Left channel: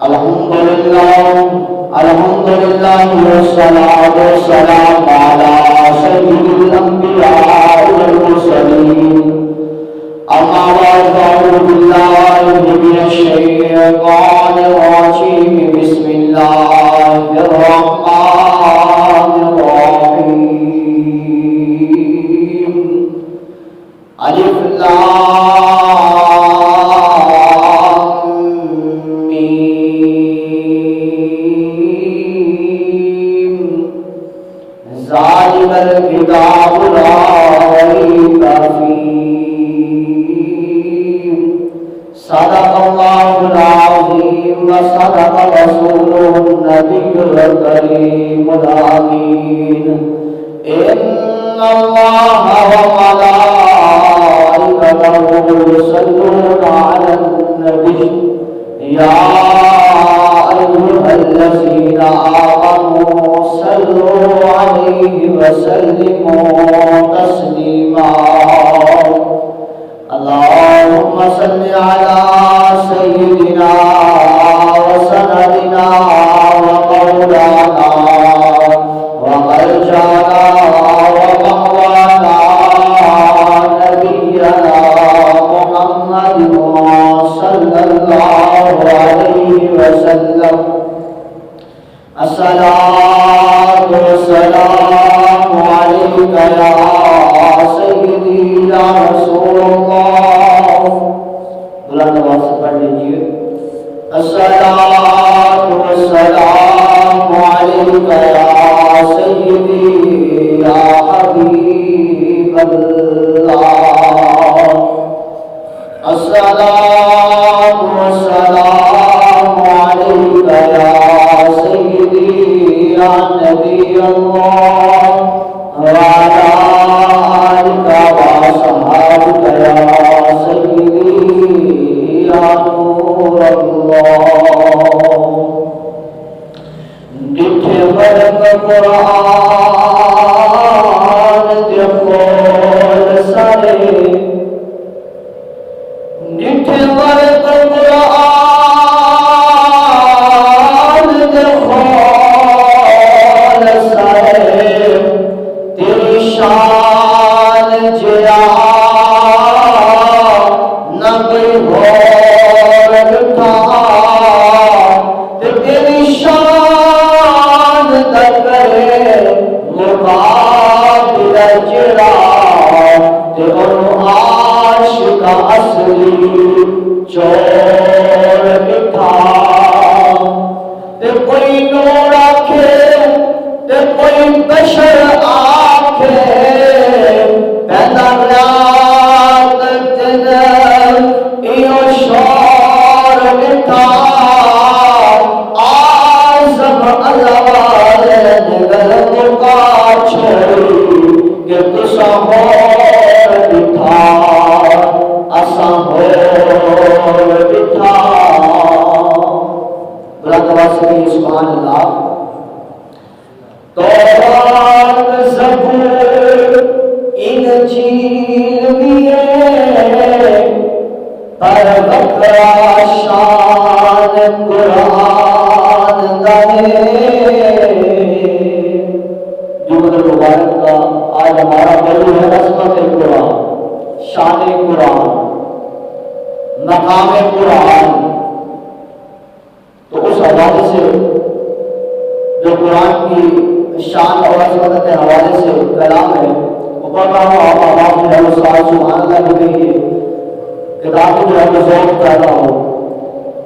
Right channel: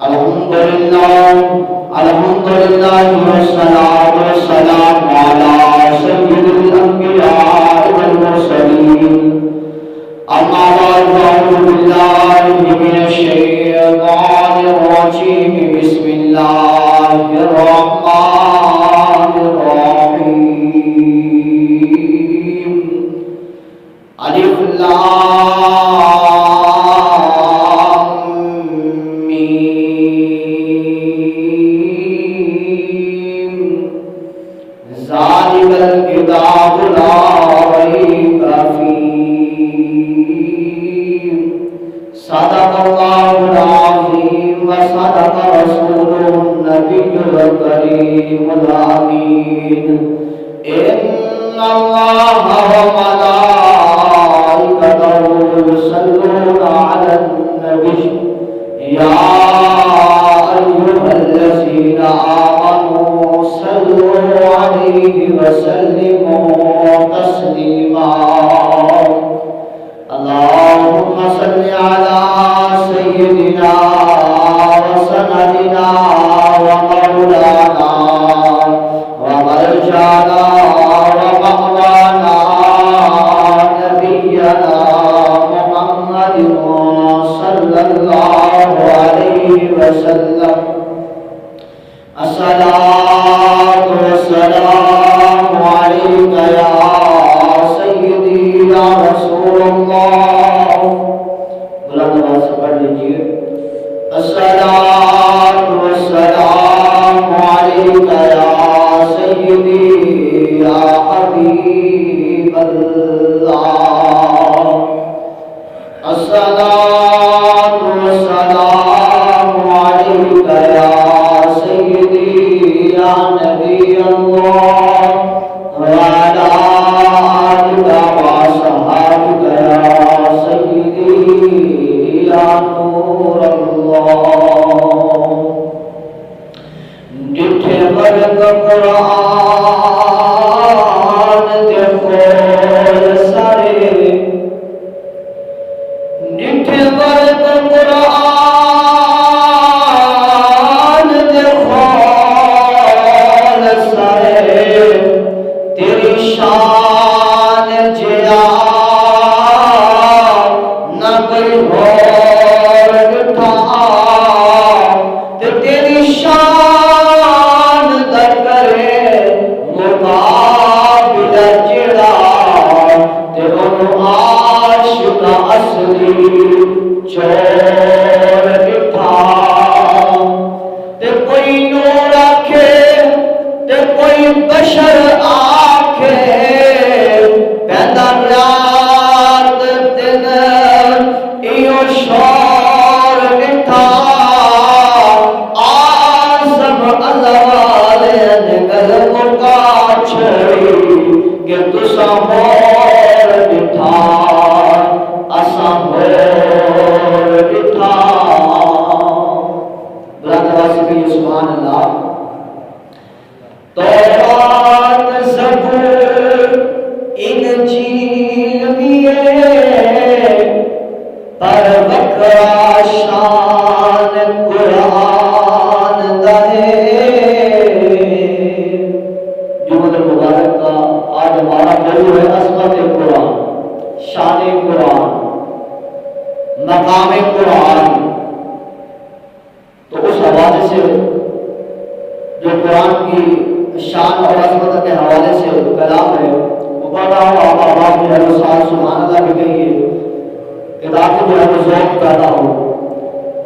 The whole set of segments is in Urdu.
الحمدللہ والصلاة والسلام على سید الانبیاء والمرسلین اما بعد فاعوذ باللہ من الشیطان الرجیم بسم اللہ الرحمن الرحیم الف لام میم ذالک الکتاب لا ریب فیہ صدق اللہ العظیم وصدق رسوله النبی الکریم الامین ان اللہ وملائکته یصلون علی النبی یا ایها الذین آمنوا صلوا علیہ وسلموا تسلیما اللهم صل على سيدنا وسندنا ومولانا ومرجعنا ومأوانا نبينا محمد صلى الله عليه وسلم الصلاة والسلام عليك يا سيدي يا رسول اللہ بلند آواز سے پڑھ لیجیے الصلاة والسلام عليك يا سيدي يا حبيب الله الصلاة والسلام عليك يا سيدي يا نبي الله وعلى آلك وصحابك يا سيدي يا نور الله جتھے برق قرآن دے کول سارے جتھے برق قرآن دے کول سارے تیری شان جیا نہ کوئی اور بٹھا تے تیری شان در کرے مقابل جڑا تے انہوں عاشق اصلی چور بٹھا تے کوئی نور آکھے تے کوئی بشر آکھے پیدا رات دن ایو شور نٹھا آزم اللہ والے نگل مکا چھڑی کہ تسا مور بٹھا اسا مور بٹھا برادر واسقی سبحان اللہ تورات زبور انجیل پر بکرا شان قرآن دہے جمعہ مبارک کا آج ہمارا موضوع ہے عظمت قرآن، شان قرآن، مقام قرآن۔ تو اس حوالے سے جو قرآن کی شان اور عظمت کے حوالے سے کلام ہے وہ پڑھ رہا ہوں، آپ آواز میں ہے سبحان اللہ بھی کہیے، کتاب میں ہے وہ ذوق پیدا ہو۔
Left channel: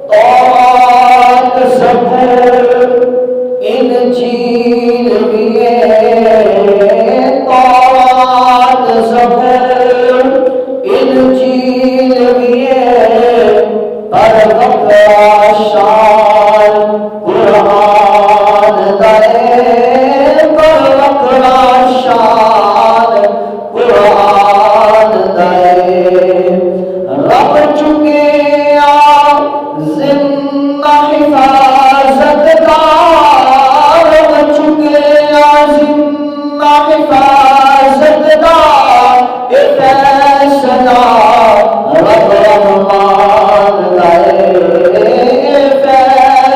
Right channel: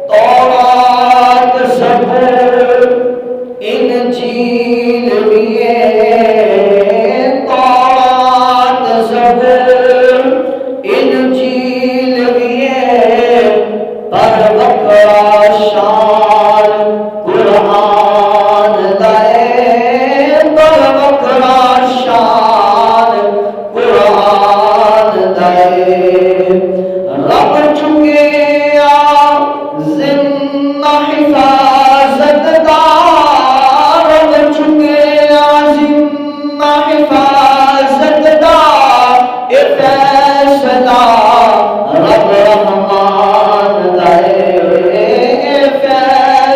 تورات زبور انجیل لیے، تورات زبور انجیل لیے، پر بکرا شان قرآن دے، پر بکرا شان قرآن دے۔ رب چکے ذمہ حفاظت کا، رب چکے ذمہ حفاظت کا، اے فیصلہ رب رحمان دے، اے فیصلہ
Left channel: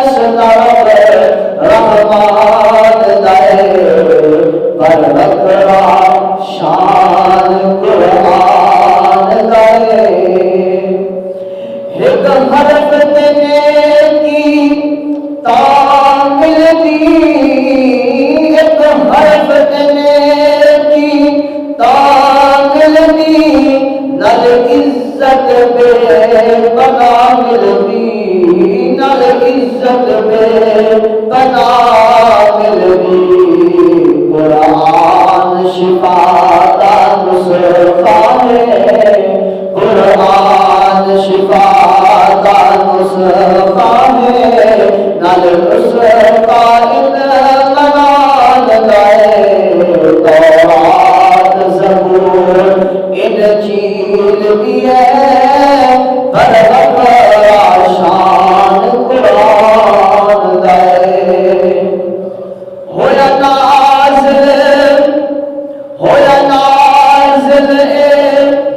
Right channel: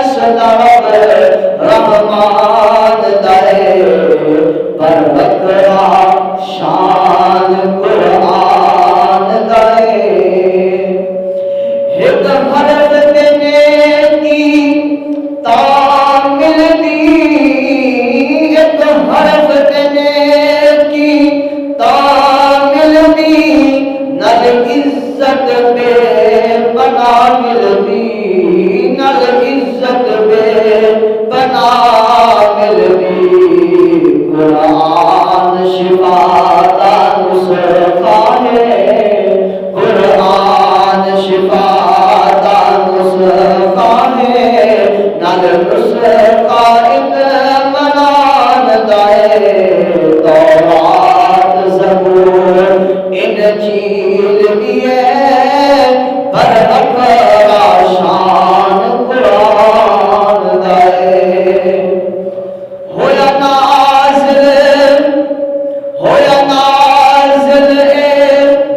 الرسل قائد منان دائے تورات زبور انجیل بھی ہے پر بکرا شان قرآن دائے ہویا نازل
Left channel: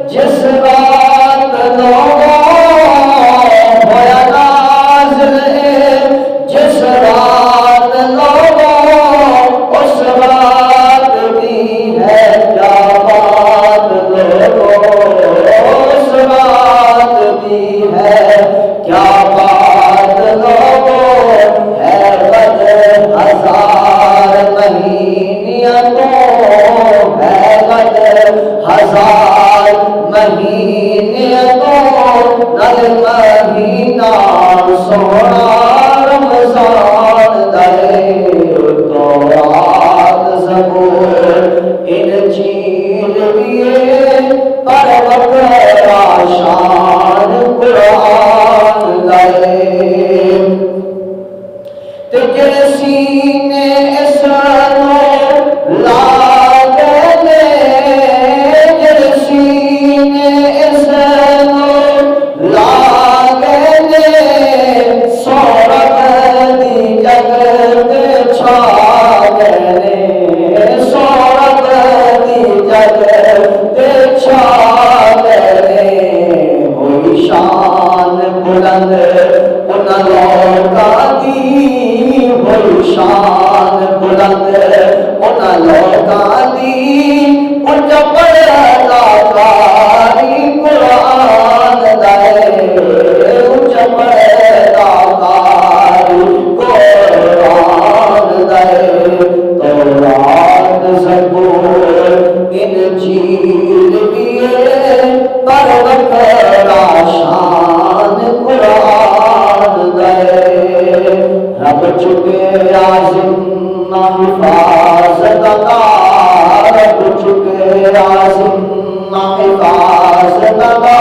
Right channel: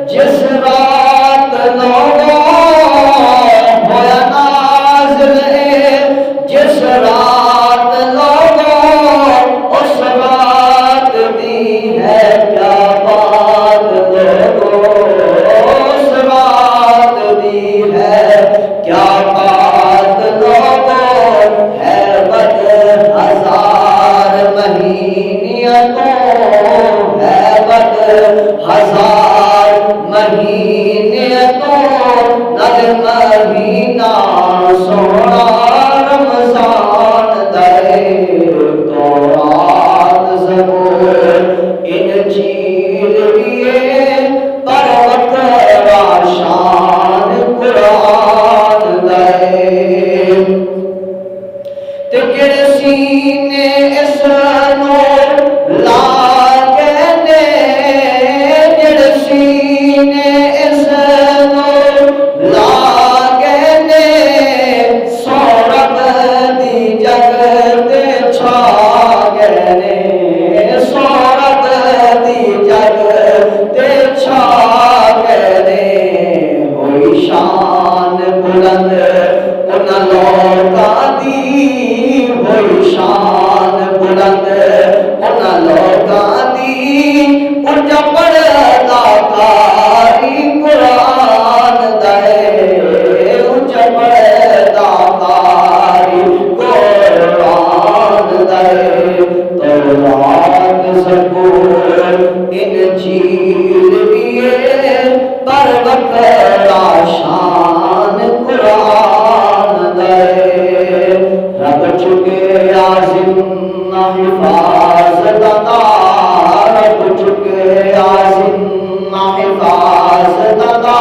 جس رات لوگوں ہویا نازل جس رات لوگوں اس رات بھی ہے کیا بات لوگوں اس رات بھی ہے کیا بات لوگوں ہے بد ہزار مہینیتوں ہے بد ہزار مہینیتوں نل مہینہ سونا رمضان دے تورات زبور انجیل دیے پر بکرا شان قرآن دے تکر سینے اس نور لاگنے جڑ سینے اس نور لاگنے سورب دی جگت چھاگنے سورب دی جگت چھاگنے ہوئی شان بلند ان لوگاں دی ہوئی شان بلند ان لوگاں دی ان جو پڑھتا کاری قرآن دے ان جو پڑھتا کاری قرآن دے تورات زبور انجیل دیے پر بکرا شان قرآن دے رب چکے عظیم حفاظت عطا رب چکے عظیم حفاظت عطا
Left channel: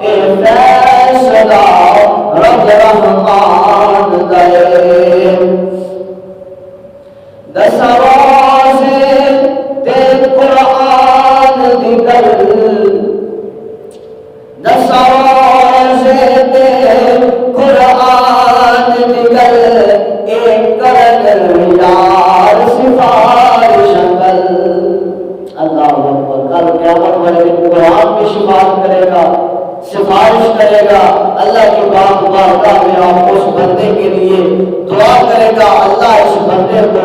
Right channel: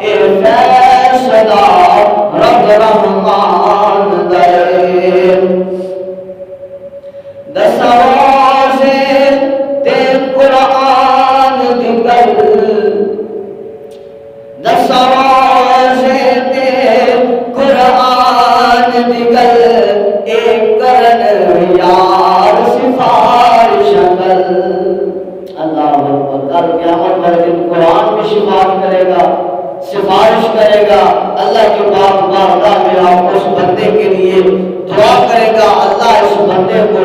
اے فیصلہ رب رحمان دے دس روزے تے قرآن دی گل دس روزے تے قرآن دی گل ایک کرن یار سفارش گل اللہ اکبر کل قیامت میں قرآن میں شفاعت کرے گا سفارش کرے گا اللہ کی بات بارگاہ میں آپ اس بندے کے لیے دعا کرے گا اللہ اس بندے کو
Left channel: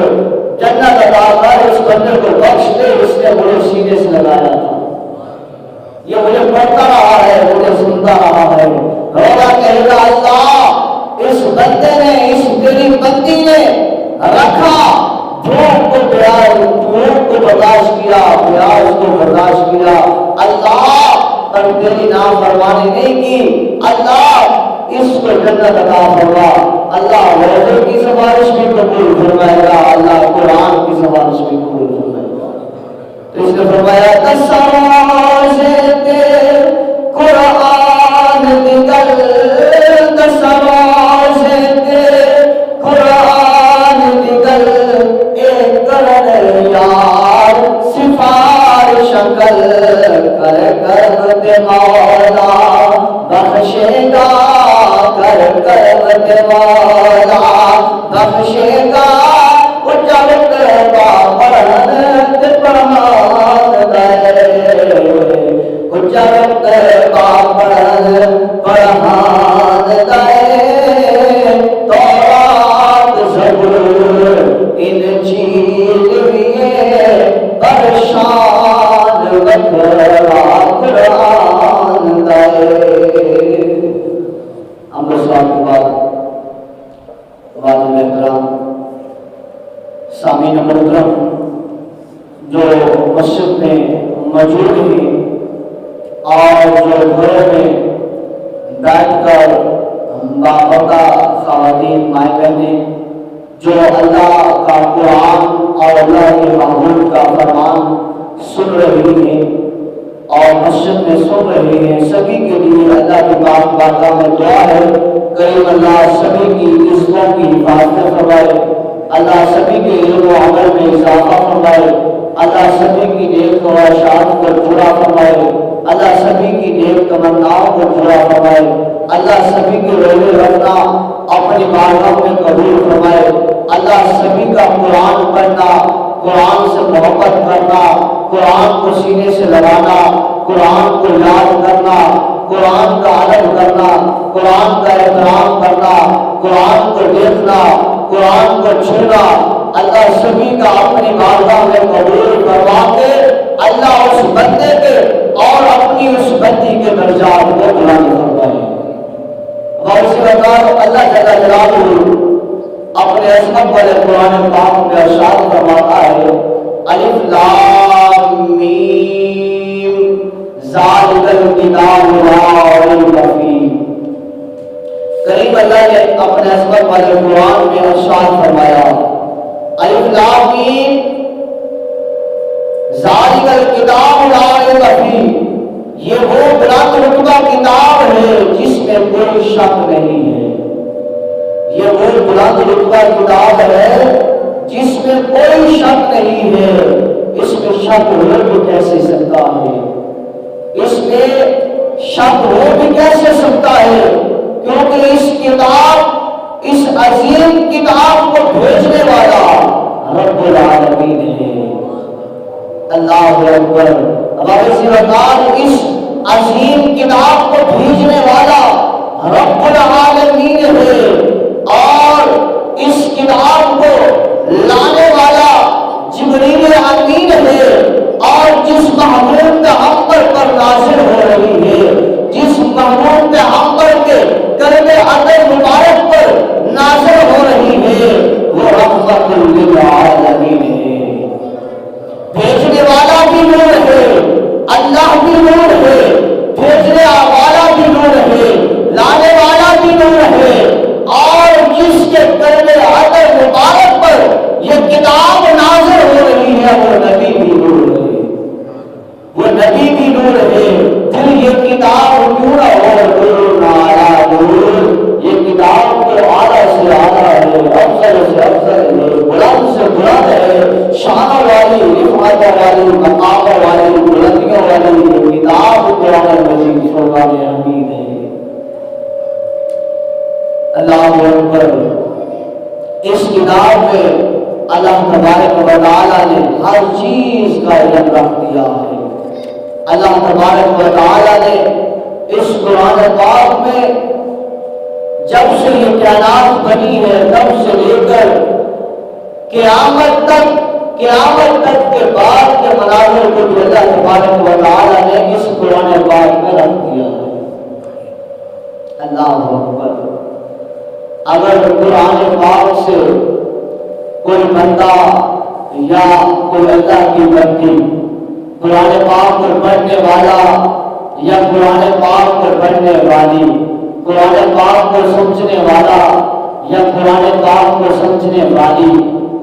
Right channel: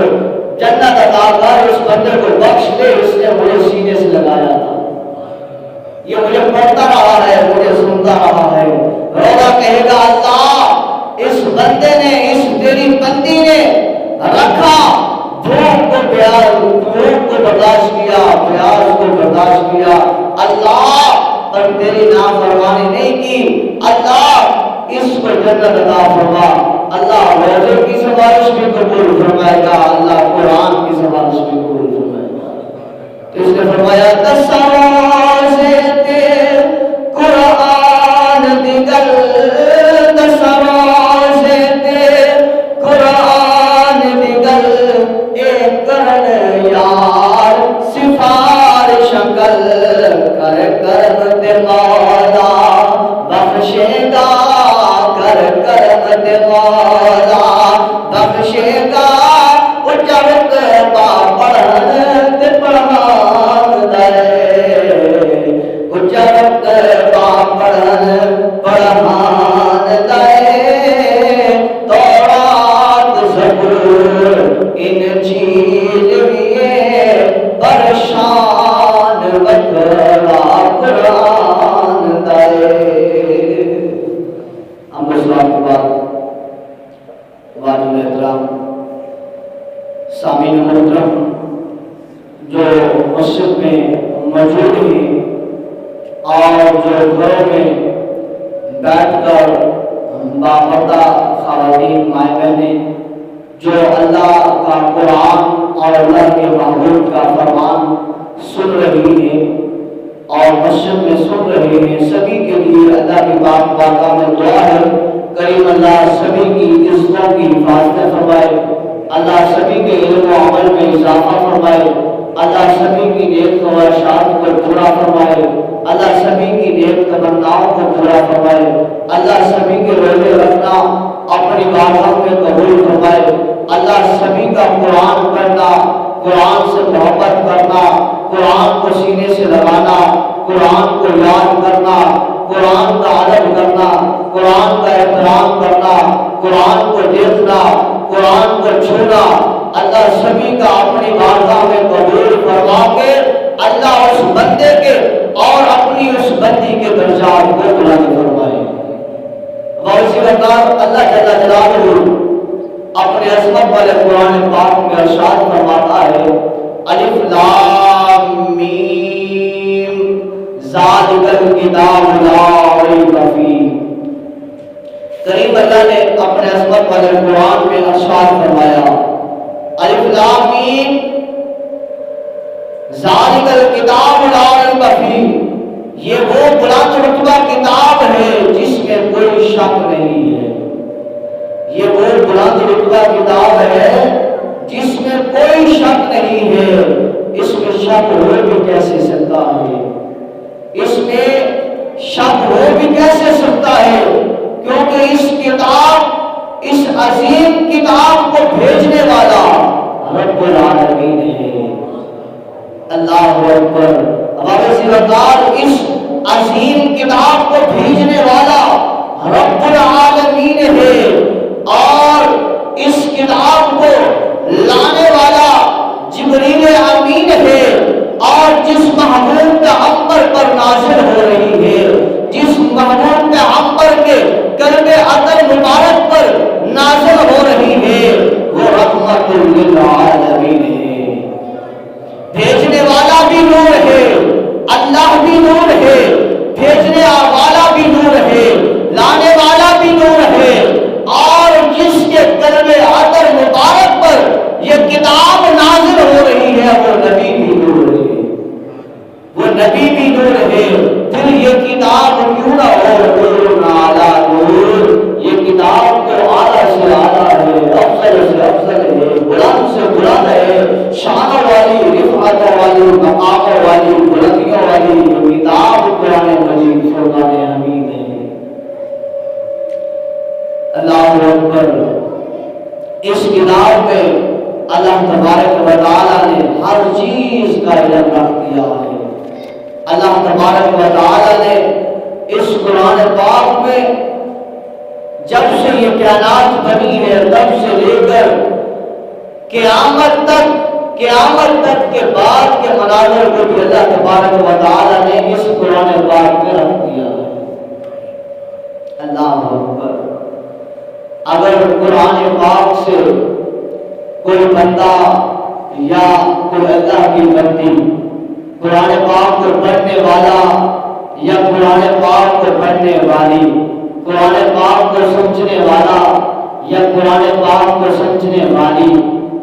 جنت عطا کر اس بندے کو بخش دے اس نے مجھے سینے سے لگایا تھا یہ مجھے پڑھتا رہا ہے مجھے سنتا رہا ہے روزہ کہے گا اللہ اس بندے نے اس تیری بندی نے رکھا بھوک کو پیار بھوک کو برداشت کیا پیاس کو برداشت کیا اللہ پر تیری نافرمانی نہیں کی اللہ اس کو جنت عطا فرما اللہ روزے کی سفارش بھی قبول فرمائے گا اللہ قرآن کی سفارش بھی قبول فرمائے گا تو اس نے فرمایا 10 روزے تے قرآن دی گل 10 روزے تے قرآن دی گل ایک کرن یار سفارش کر کرم دے مولا بخشے گا کرم دے مولا بخشے گا اجرت با پڑھن تے پڑھان دے اجرت با پڑھن پڑھان دے تورات زبور انجیل لیے برشان بکرا قرآن دے سامعین محترم جو مسجد میں موجود ہیں اور جو گھروں میں بیٹھ کر باپردہ خواتین مائیں بہنیں جو اللہ کا قرآن اور اللہ کے محبوب کا فرمان سن رہی ہیں اور مسجد میں سن رہے ہیں سبھی کے لیے اللہ کی بارگاہ میں دعا ہے کریم اللہ سبھی کی عزتوں کی حفاظت فرمائے، اللہ سبھی کے علم و عمل میں اضافہ فرمائے، اللہ سبھی کی نیک خواہشات کو پورا فرمائے، اللہ سبھی کی نیک تمناؤں کو پورا فرمائے، اللہ سبھی کے روزے رکھنا اپنی بارگاہ میں قبول فرمائے، اللہ سبھی کا قرآن پڑھنا، قرآن سے محبت کرنا، قرآن کو سینے سے لگانا، قرآن کو یاد کرنا، قرآن کا ادب کرنا، قرآن کا احترام کرنا، قرآن کو دیکھنا، قرآن کو چھونا، اللہ سبھی کا اپنی بارگاہ میں قبول فرما کے اللہ اس بندے کے اور اپنی اس بندی کے درجات کو بلند فرمائے۔ اور اسی وقت اللہ جل جلالہ اپنے عظمت والے قرآن پاک میں ارشاد فرماتا ہے، الف لام میم ذالک الکتاب لا ریب فیہ۔ کریم اللہ نے اپنے عظمت والے قرآن میں ارشاد فرمایا، الف لام میم ذالک الکتاب لا ریب فیہ، یہ وہ بلند رتبہ کتاب ہے جس میں کوئی شک نہیں ہے، یہ وہ بلند رتبہ کتاب ہے جس میں کوئی شک نہیں ہے۔ اس میں شک ہو بھی کیسے سکتا ہے، اس میں شک ہو بھی کیسے سکتا ہے، کیونکہ اس کتاب، اس عظیم کتاب کو بھیجنے والا رب العالمین ہے۔ اللہ اکبر۔ اب اسی وقت اس عظیم کتاب کو بھیجنے والا رب العالمین ہے، اور اس کتاب کو لانے والا جبریل امین ہے، اور جس محبوب پیغمبر پر نازل ہو رہی ہے، جس محبوب پیغمبر کے کلمہ عطر مبارک پر نازل ہو رہی ہے، وہ رحمت للعالمین ہے۔ بھیجنے والا بھی نور ہے، اللہ بھی نور ہے، بھیجنے والا بھی نور ہے، لانے والا بھی نور ہے، اور جس کے کلمہ عطر مبارک پر یہ کتاب نازل ہو رہی ہے وہ نبی بھی نور ہے، وہ نبی بھی نور ہے۔ پھر یہ کتاب کیوں نہ ہو نور اعلیٰ نور، یہ کتاب تو اعلیٰ سے اعلیٰ ہے، افضل سے افضل ہے، بلند سے بلند ہے، شانوں والی، رفعتوں والی، مقاموں والی، بلندیوں والی یہ کتاب قرآن مجید فرمان حمید ہے۔ اللہ اکبر۔ اس کتاب میں اللہ تبارک و تعالیٰ نے ہر چیز کا علم رکھ دیا ہے۔ اللہ تبارک و تعالیٰ نے اس قرآن پاک میں جب سے یہ کائنات بنی ہے تب سے لے کر قیامت تک کے بعد کے مناظر کو بھی اللہ تبارک و تعالیٰ نے اس قرآن پاک میں رکھ دیا ہے۔ اللہ اکبر۔ اگر قرآن پاک سے کوئی بندہ یا کوئی اللہ کی بندی قرآن پاک کو پڑھنے والا یا قرآن پاک کو پڑھنے والی، قرآن پاک کو سمجھنے والا یا قرآن پاک کو سمجھنے والی،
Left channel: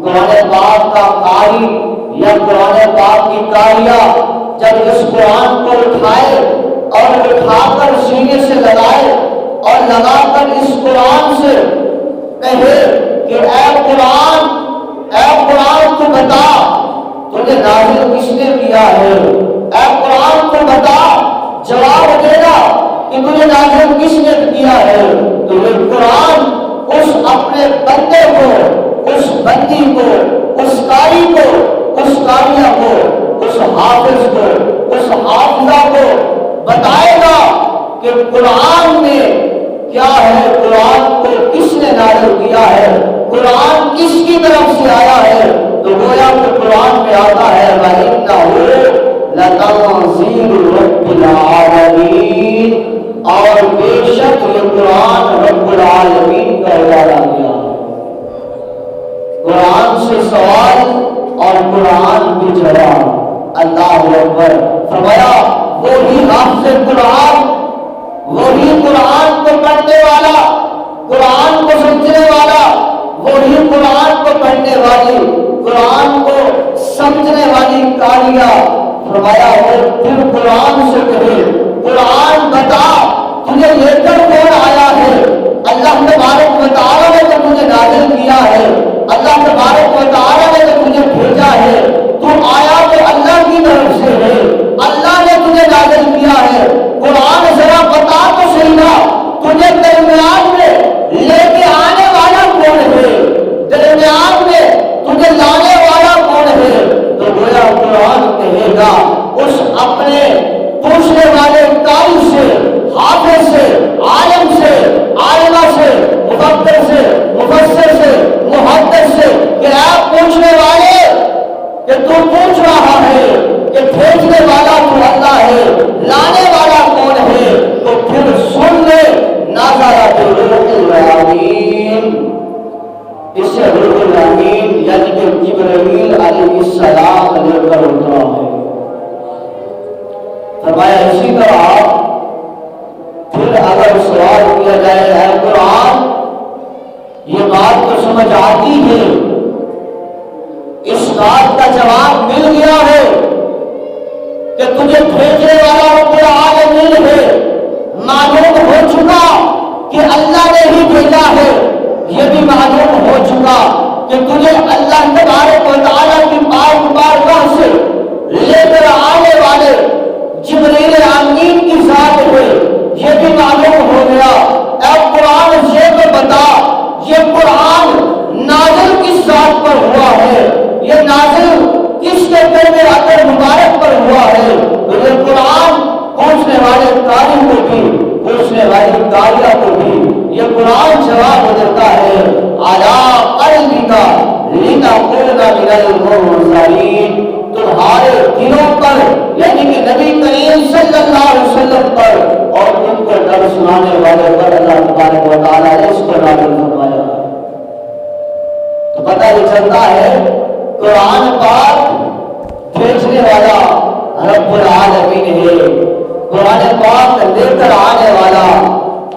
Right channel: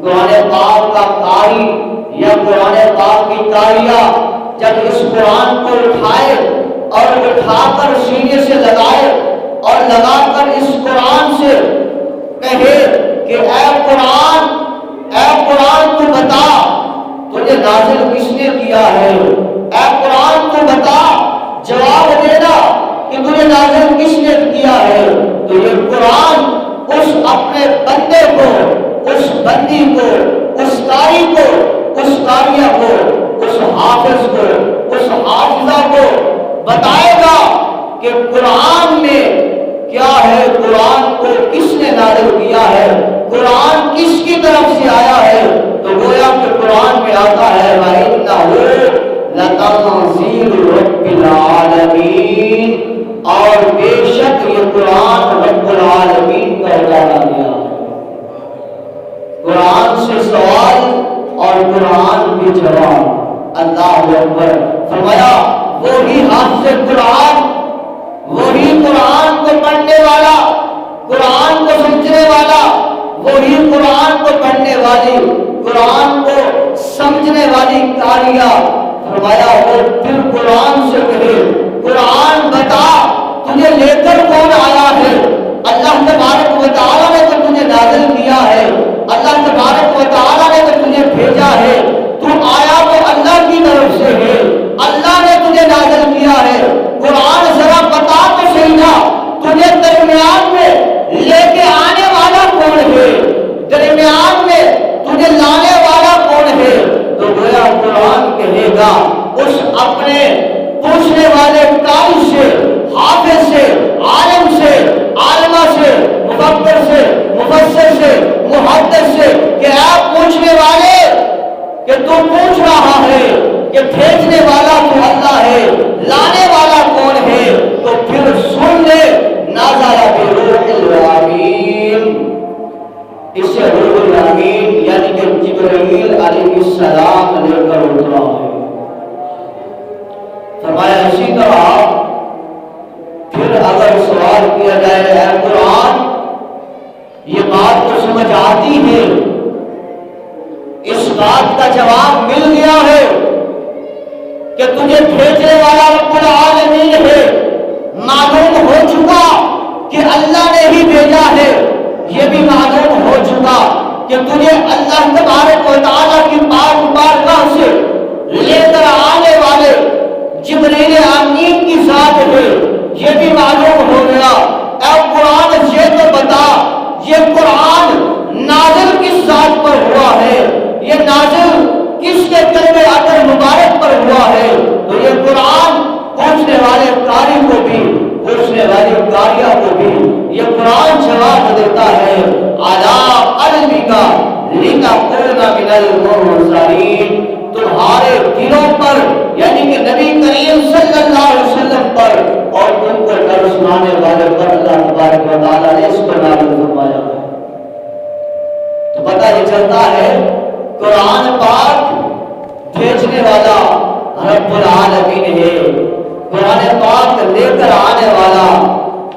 قرآن پاک کا قاری یا قرآن پاک کی قاریہ جب اس قرآن کو اٹھائے اور اٹھا کر سینے سے لگائے اور لگا کر اس قرآن سے کہے کہ اے قرآن تو بتا تجھے نازل کس نے کیا ہے، اے قرآن تو بتا جواب دینا کہ تجھے نازل کس نے کیا ہے، تو یہ قرآن اس اپنے بندے کو، اس بندی کو، اس قاری کو، اس قاریہ کو، اس حافظ کو، اس حافظہ کو بتائے گا کہ قرآن میں کیا ہے، قرآن کو کس نے نازل کیا ہے، قرآن کس کی طرف سے آیا ہے۔ تو گویا کہ قرآن میں آتا ہے وَإِنَّهُ لَتَنزِيلُ رَبِّ الْعَالَمِينَ، اور بے شک یہ قرآن رب العالمین کا اتارا گیا ہے۔ قرآن سے سوال اور قرآن کی جواب۔ اللہ اکبر۔ فرمایا وہی حافظ قرآن، وہی قرآن کو پڑھنے والا، قرآن کو سمجھنے والا، وہی قرآن کو پڑھنے والی، قرآن کو سمجھنے والی قاریہ۔ فرمایا وہ پھر قرآن سے کہے قرآن بتا تجھے لے کر کون آیا ہے، اللہ تبارک و تعالیٰ نے تو تجھے نازل اے پوچھنے والے کہ تو پوچھ رہا ہے کہ بھیجنے والا تو اللہ ہے، لانے والا کون ہے، تو پھر سن لے نازل بروح الامین، اس سے روح الامین یعنی کہ جبرائیل علیہ السلام لے کر اترا ہے۔ فرمایا اسی طرح پھر اگر سوال کیا جائے اے قرآن یہ بات تو سمجھ آتی ہے، اس بات کا جواب مل گیا ہے کہ تجھے بھیجنے والا رب العالمین ہے، معلوم ہو چکا کہ اللہ نے ہی بھیجا ہے، یہ بھی معلوم ہو چکا کہ تجھے اللہ تبارک و تعالیٰ کی پاک بارگاہ سے لے کر آنے والے جبریل امین کی ذات ہے، یہ بھی معلوم ہو گیا۔ اے قرآن یہ تو بتا یہ قرآن نازل کس ذات پر ہوا ہے، یہ نازل کس کے قلب اطہر مبارک پر ہوا ہے؟ تو یہ قرآن پوچھنے والے قاری کو بھی پوچھنے والی قاریہ کو بھی یہ قرآن جواب دیتا ہے علی قلبک لتکون من المنذرین، تمہارے دلوں پر یعنی کہ نبی کریم صلی اللہ علیہ وسلم پر اور ان کو ڈر سنانے والے پر اللہ تبارک و تعالیٰ نے اس کو نازل فرمایا ہے۔ تو پتہ یہ چلتا ہے قرآن پاک بھیجنے والا رب العالمین ہے، قرآن پاک لے کر آنے والا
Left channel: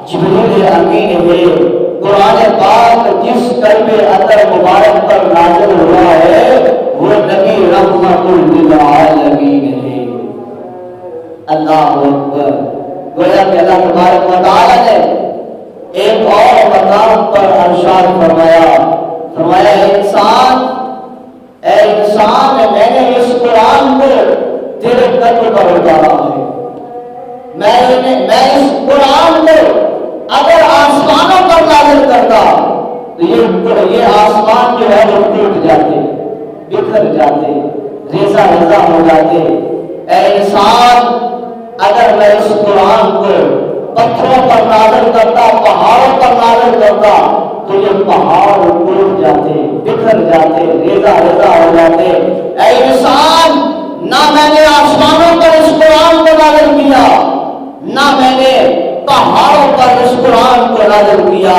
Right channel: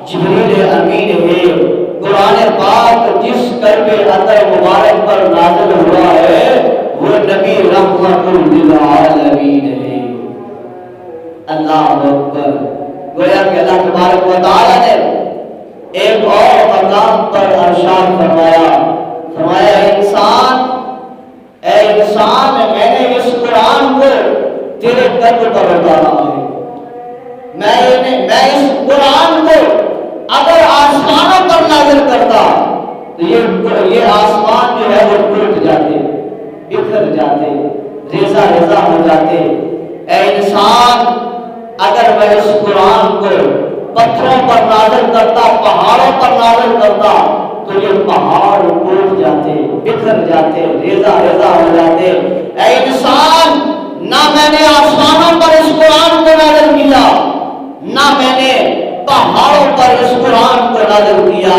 جبریل امین ہے، قرآن پاک جس قلب اطہر مبارک پر نازل ہوا ہے وہ نبی رحمت للعالمین ہے۔ اللہ اکبر۔ گویا کہ اللہ تبارک و تعالیٰ نے ایک اور مقام پر ارشاد فرمایا انسان، اے انسان میں نے اس قرآن کو تیرے قلب پر اتارا ہے، میں اس قرآن کو اگر آسمانوں پر نازل کرتا تو یہ آسمان جو ہے وہ ٹوٹ جاتے، بکھر جاتے، ریزہ ریزہ ہو جاتے۔ اے انسان اگر میں اس قرآن کو پتھروں پر نازل کرتا، پہاڑوں پر نازل کرتا تو یہ پہاڑ ٹوٹ جاتے، بکھر جاتے، ریزہ ریزہ ہو جاتے۔ اے انسان نہ میں نے آسمانوں پر اس قرآن کو نازل کیا، نہ میں نے پہاڑوں پر اس قرآن کو نازل کیا،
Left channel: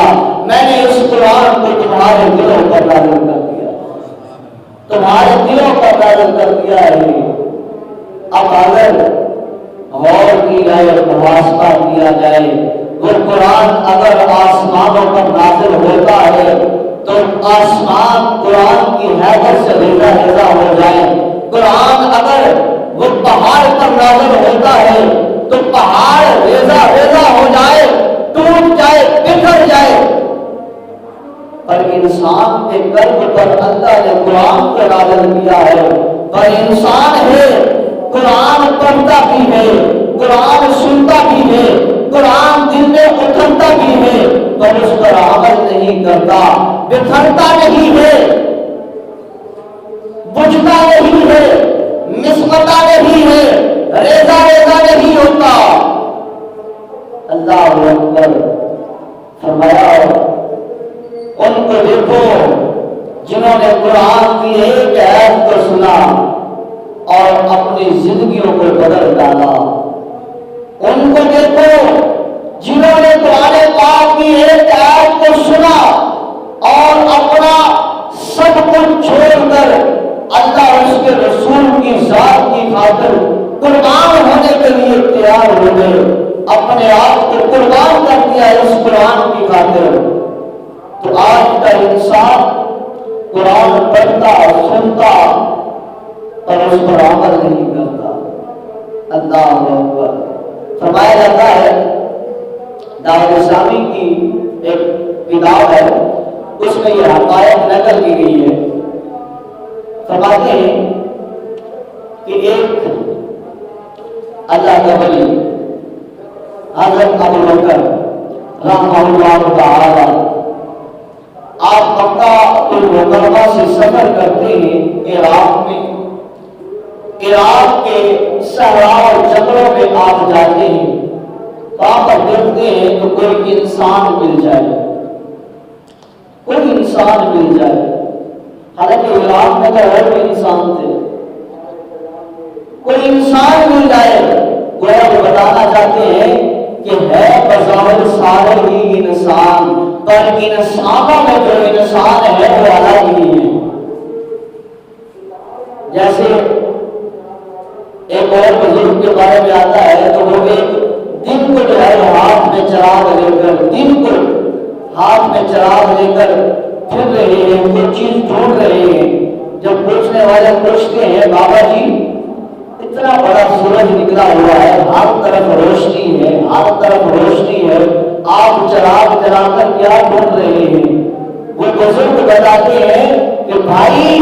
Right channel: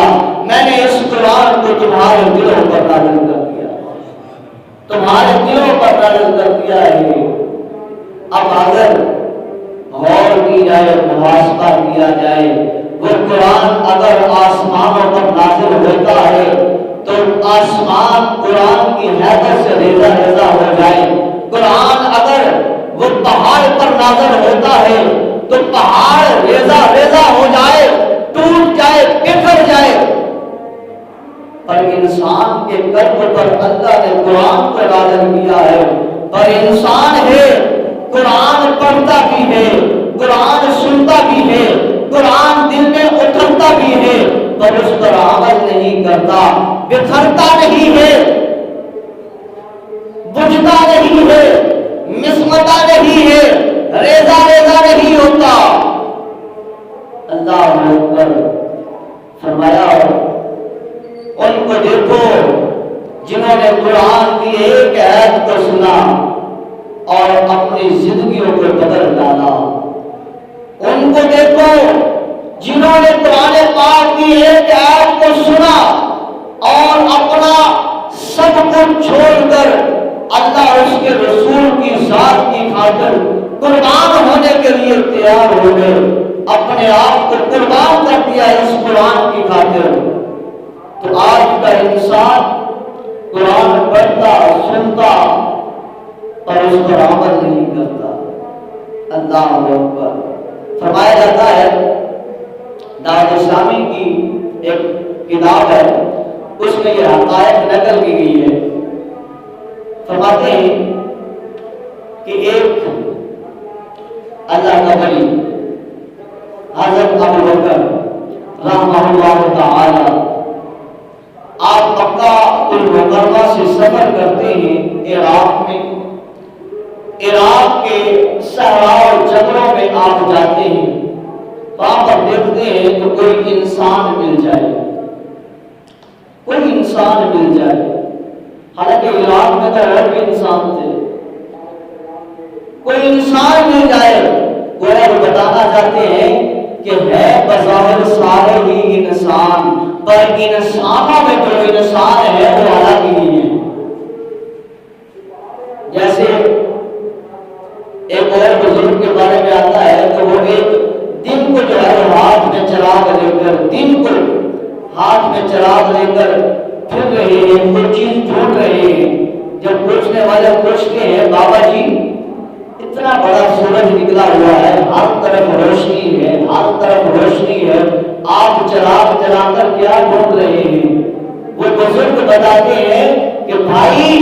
میں نے اس قرآن کو تمہارے دلوں پر نازل کر دیا، تمہارے دلوں پر نازل کر دیا ہے۔ اب اگر غور کی جائے، محاسبہ کیا جائے، وہ قرآن اگر آسمانوں پر نازل ہوتا ہے تو آسمان قرآن کی حیثیت سے ریزہ ریزہ ہو جائے، قرآن اگر وہ پہاڑ پر نازل ہوتا ہے تو پہاڑ ریزہ ریزہ ہو جائے، ٹوٹ جائے، بکھر جائے۔ پر انسان کے قلب پر اللہ نے قرآن کو نازل کیا ہے، پر انسان ہے قرآن پڑھتا بھی ہے، قرآن سنتا بھی ہے، قرآن دل میں اترتا بھی ہے، پر اس پر عمل نہیں کرتا، بکھرتا نہیں ہے، بجھتا نہیں ہے، مسمتا نہیں ہے، ریزہ ریزہ نہیں ہوتا۔ اللہ اکبر۔ فرمایا ان کو دیکھو جنہوں نے قرآن کی ایک آیت کو سنا اور اپنی زندگیوں کو بدل ڈالا، ان کو دیکھو جنہوں نے قرآن پاک کی ایک آیت کو سنا اور اپنا سب کچھ چھوڑ کر اللہ اور اس کے رسول کی ذات کی خاطر قربان ہونے کے لیے تیار ہو گئے، اپنے آپ کو قربان کر دیا اس قرآن کی خاطر۔ تو آج کا انسان قرآن پڑھتا، سنتا اور اس پر عمل نہیں کرتا۔ اللہ اکبر۔ فرمایا جاتا ہے دعوت اسلامی کی ایک کتاب ہے، اس میں یہ حقائق نقل کی گئی ہے۔ فرماتے ہیں کہ ایک اللہ کا ولی حضرت ابو بکر رحمہ اللہ تعالی، آپ مکہ المکرمہ سے سفر کرتے ہیں عراق میں، عراق کے صحرا اور جنگلوں میں آپ جاتے ہیں، وہاں پر دیکھتے ہیں تو کوئی انسان مل جائے، کوئی انسان مل جائے۔ حالانکہ عراق میں تو اور بھی انسان تھے. کوئی انسان مل جائے گویا وہ بتانا چاہتے ہیں کہ ہے بظاہر سارے ہی انسان، پر انسانوں میں جو انسان ہے وہ الگ ہی ہے. جیسے ایک اور بزرگ کے بارے میں آتا ہے کہ وہ ایک دن کو جو ہے وہ ہاتھ میں چراغ لے کر، دن کو ہاتھ میں چراغ لے کر پھر رہے ہیں، کوئی چیز ڈھونڈ رہے ہیں. جب پوچھنے والے پوچھتے ہیں بابا جی اتنا بڑا سورج نکلا ہوا ہے، ہر طرف روشنی ہے، ہر طرف روشنی ہے، آپ چراغ جلا کر کیا ڈھونڈ رہے ہیں؟ وہ بزرگ بتاتے ہیں کہ بھائی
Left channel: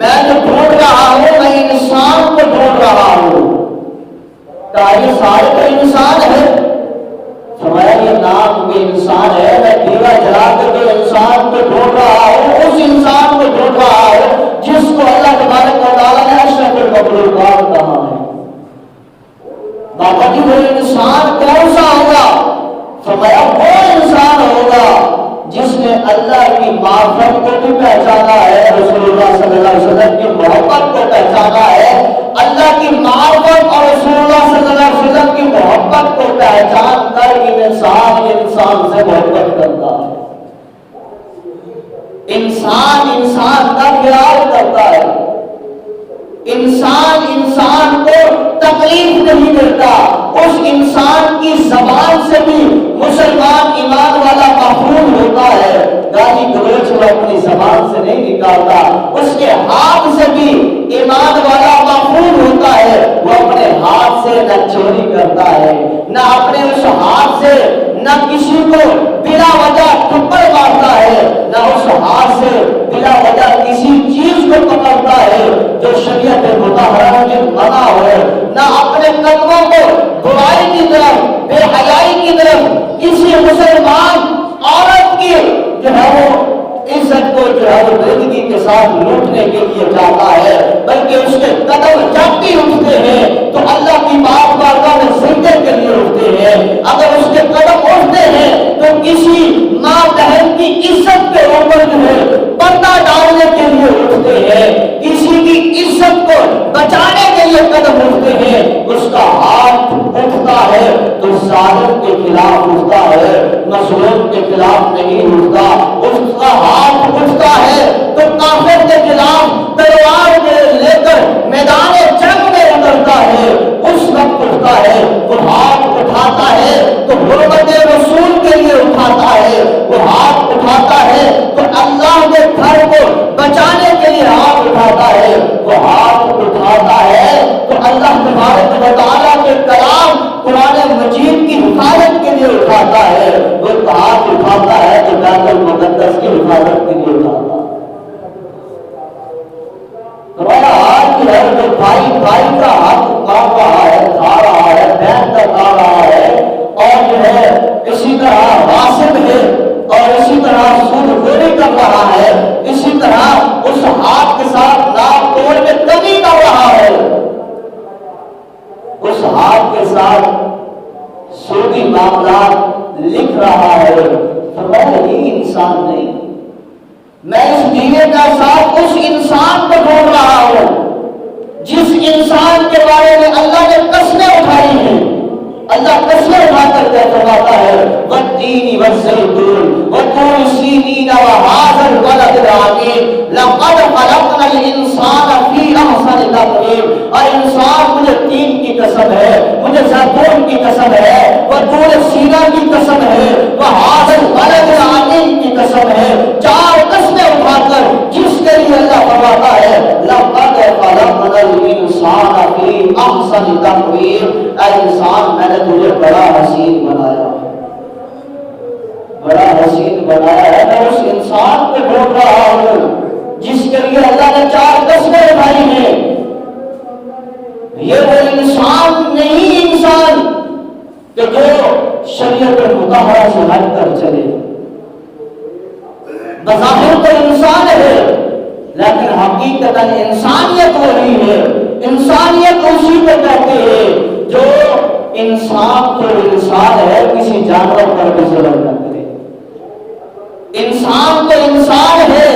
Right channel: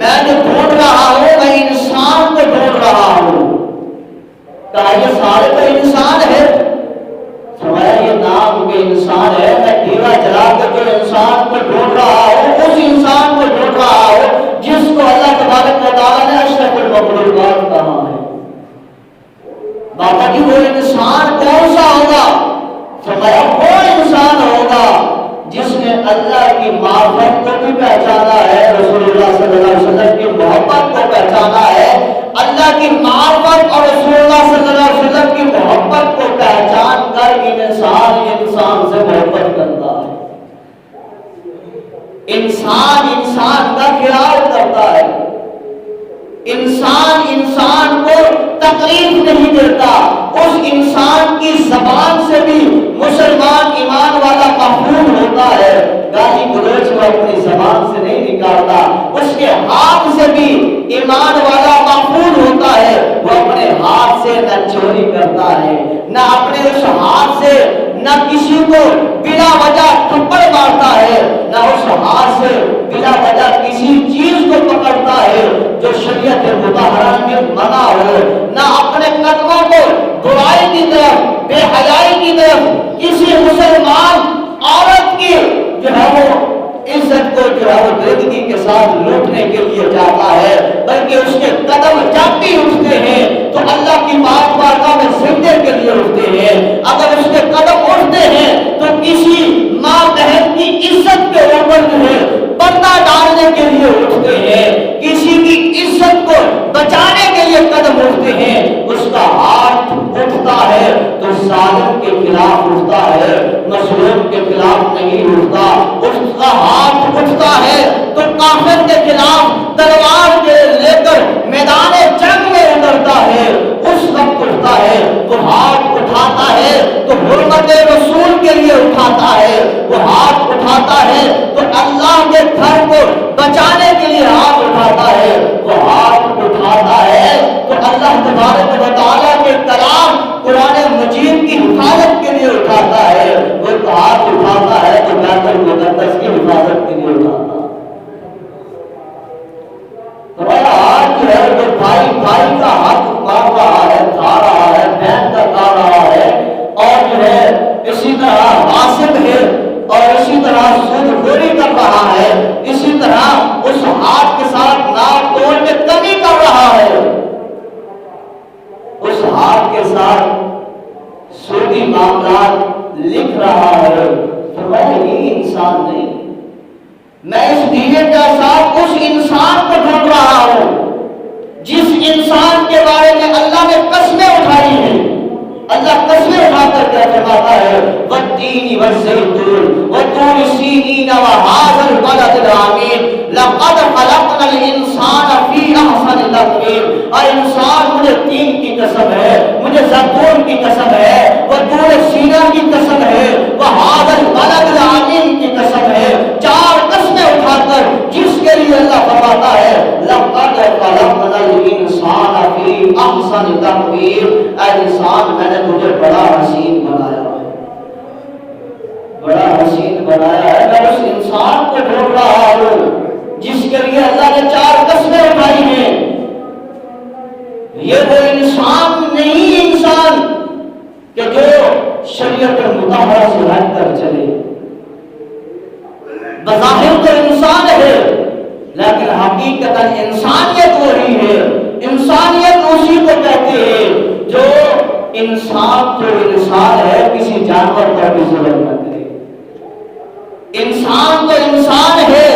میں جو ڈھونڈ رہا ہوں میں انسان کو ڈھونڈ رہا ہوں. کہا یہ سارے تو انسان ہے. فرمایا یہ نام کے انسان ہے، میں دیوا جلا کر جو انسان کو ڈھونڈ رہا ہوں اس انسان کو ڈھونڈ رہا ہوں جس کو اللہ تبارک و تعالیٰ نے اشرف المخلوقات کہا ہے. بابا جی وہ انسان کون سا ہوگا؟ فرمایا وہ انسان ہوگا جس نے اللہ کی معرفت کو بھی پہچانا ہے، رسول اللہ صلی اللہ علیہ وسلم کی محبت کو پہچانا ہے. اللہ کی معرفت اور رسول اللہ صلی اللہ علیہ وسلم کی محبت کو پہچان کر انسان سے محبت کرتا ہے. انسان کا خیال کرتا ہے. انسان کو تکلیف نہیں دیتا. اس انسان کی زبان سے بھی مسلمان ایمان والا محفوظ ہوتا ہے. گالی گلوچ وہ اپنی زبان سے نہیں نکالتا. اس کے ہاتھ سے بھی ایمان والا محفوظ ہوتا ہے. وہ اپنے ہاتھ سے نہ چوری کرتا ہے، نہ اپنے اس ہاتھ سے نہ کسی کو بلا وجہ تھپڑ مارتا ہے، نہ اس ہاتھ سے بلا وجہ کسی چیز کو پکڑتا ہے جو شریعت مطہرہ میں منع ہو، نہ اپنے قدموں کو برائی کی طرف، بے حیائی کی طرف، کسی مسلمان عورت کی جو ہے وہ عزت کو جو ہے وہ بےدبی کے ساتھ لوٹنے کے لیے جاتا ہے، بلکہ اس کے قدم جب بھی اٹھتے ہیں تو اللہ کی بارگاہ میں سجدے کے لیے اٹھتے ہیں. اگر اس کے قدم اٹھتے ہیں تو کسی ماں بہن کی عزت کے اوپر جو ہے پردہ ڈالنے کے لیے اٹھتے ہیں، کسی کی عزت کو بچانے کے لیے قدم اٹھتے ہیں. اس کا ہاتھ اٹھتا ہے تو ظالم کے خلاف اٹھتا ہے، مظلوم کے خلاف نہیں اٹھتا. اس کا ہاتھ اٹھتا ہے تو کافر کے خلاف تلوار لے کر میدان جنگ میں اترتا ہے. اس وقت اٹھتا ہے تو ہاتھ اٹھاتا ہے تو حرمت رسول کے لیے اٹھاتا ہے. وہ ہاتھ اٹھاتا ہے تو اللہ کے گھر کو بچانے کے لیے ہاتھ اٹھاتا ہے. وہ ہاتھ اٹھاتا ہے تو اللہ تبارک و تعالیٰ کے کلام قرآن مجید کی حفاظت کے لیے اٹھاتا ہے. وہ ہاتھ اٹھاتا ہے تو بیت المقدس کی حفاظت کے لیے اٹھاتا ہے. تمہارا ہاتھ جو ہے جو بھائی کا حق مار رہا ہے، کھا رہا ہے، بہن کا کھا رہا ہے، اور جو ہے اسی طرح غاصب ہے اور اسی طرح سود خوری کر رہا ہے، اسی طرح اس ہاتھ کے ساتھ ناپ توڑ میں کمی کر رہا ہے، اس ہاتھ کے ساتھ سودی معاملات لکھ رہا ہے، تو میں یہ انسان نہیں. میں اس دینے کا ساتھ اس انسان کو ڈھونڈ رہا ہوں جس انسان کے بارے میں اللہ نے قسمیں اٹھائی ہیں. اللہ قسمیں اٹھا کر کیا فرماتا ہے؟ والتین والزیتون وطور سینین وہذا البلد الامین لقد خلقنا الانسان فی احسن تقویم. اور انسان مجھے تین کی قسم ہے، مجھے زیتون کی قسم ہے، وطور سینا کی قسم ہے، وہذا البلد الامین کی قسم ہے. چار قسمیں اٹھا کر جس کے لیے اللہ فرماتا ہے لقد خلقنا الانسان فی احسن تقویم. اے انسان میں نے تجھے بڑا حسین بنایا ہے، بڑا حسین بنایا ہے. میں اس انسان کو ڈھونڈ رہا ہوں جس کے لیے اللہ نے چار قسمیں اٹھائی ہیں. یہ وہ انسان نہیں انسان کہ جو شریعت مطہرہ سے ہٹ کر چلے. بظاہر تو انسان ہے لیکن حقیقتاً انسانیت وہی ہے. انسانیت اسی کو کہتے ہیں جو انسان تو انسان ہے، کسی جانور پر بھی ظلم نہ کرے. انسان تو انسان ہے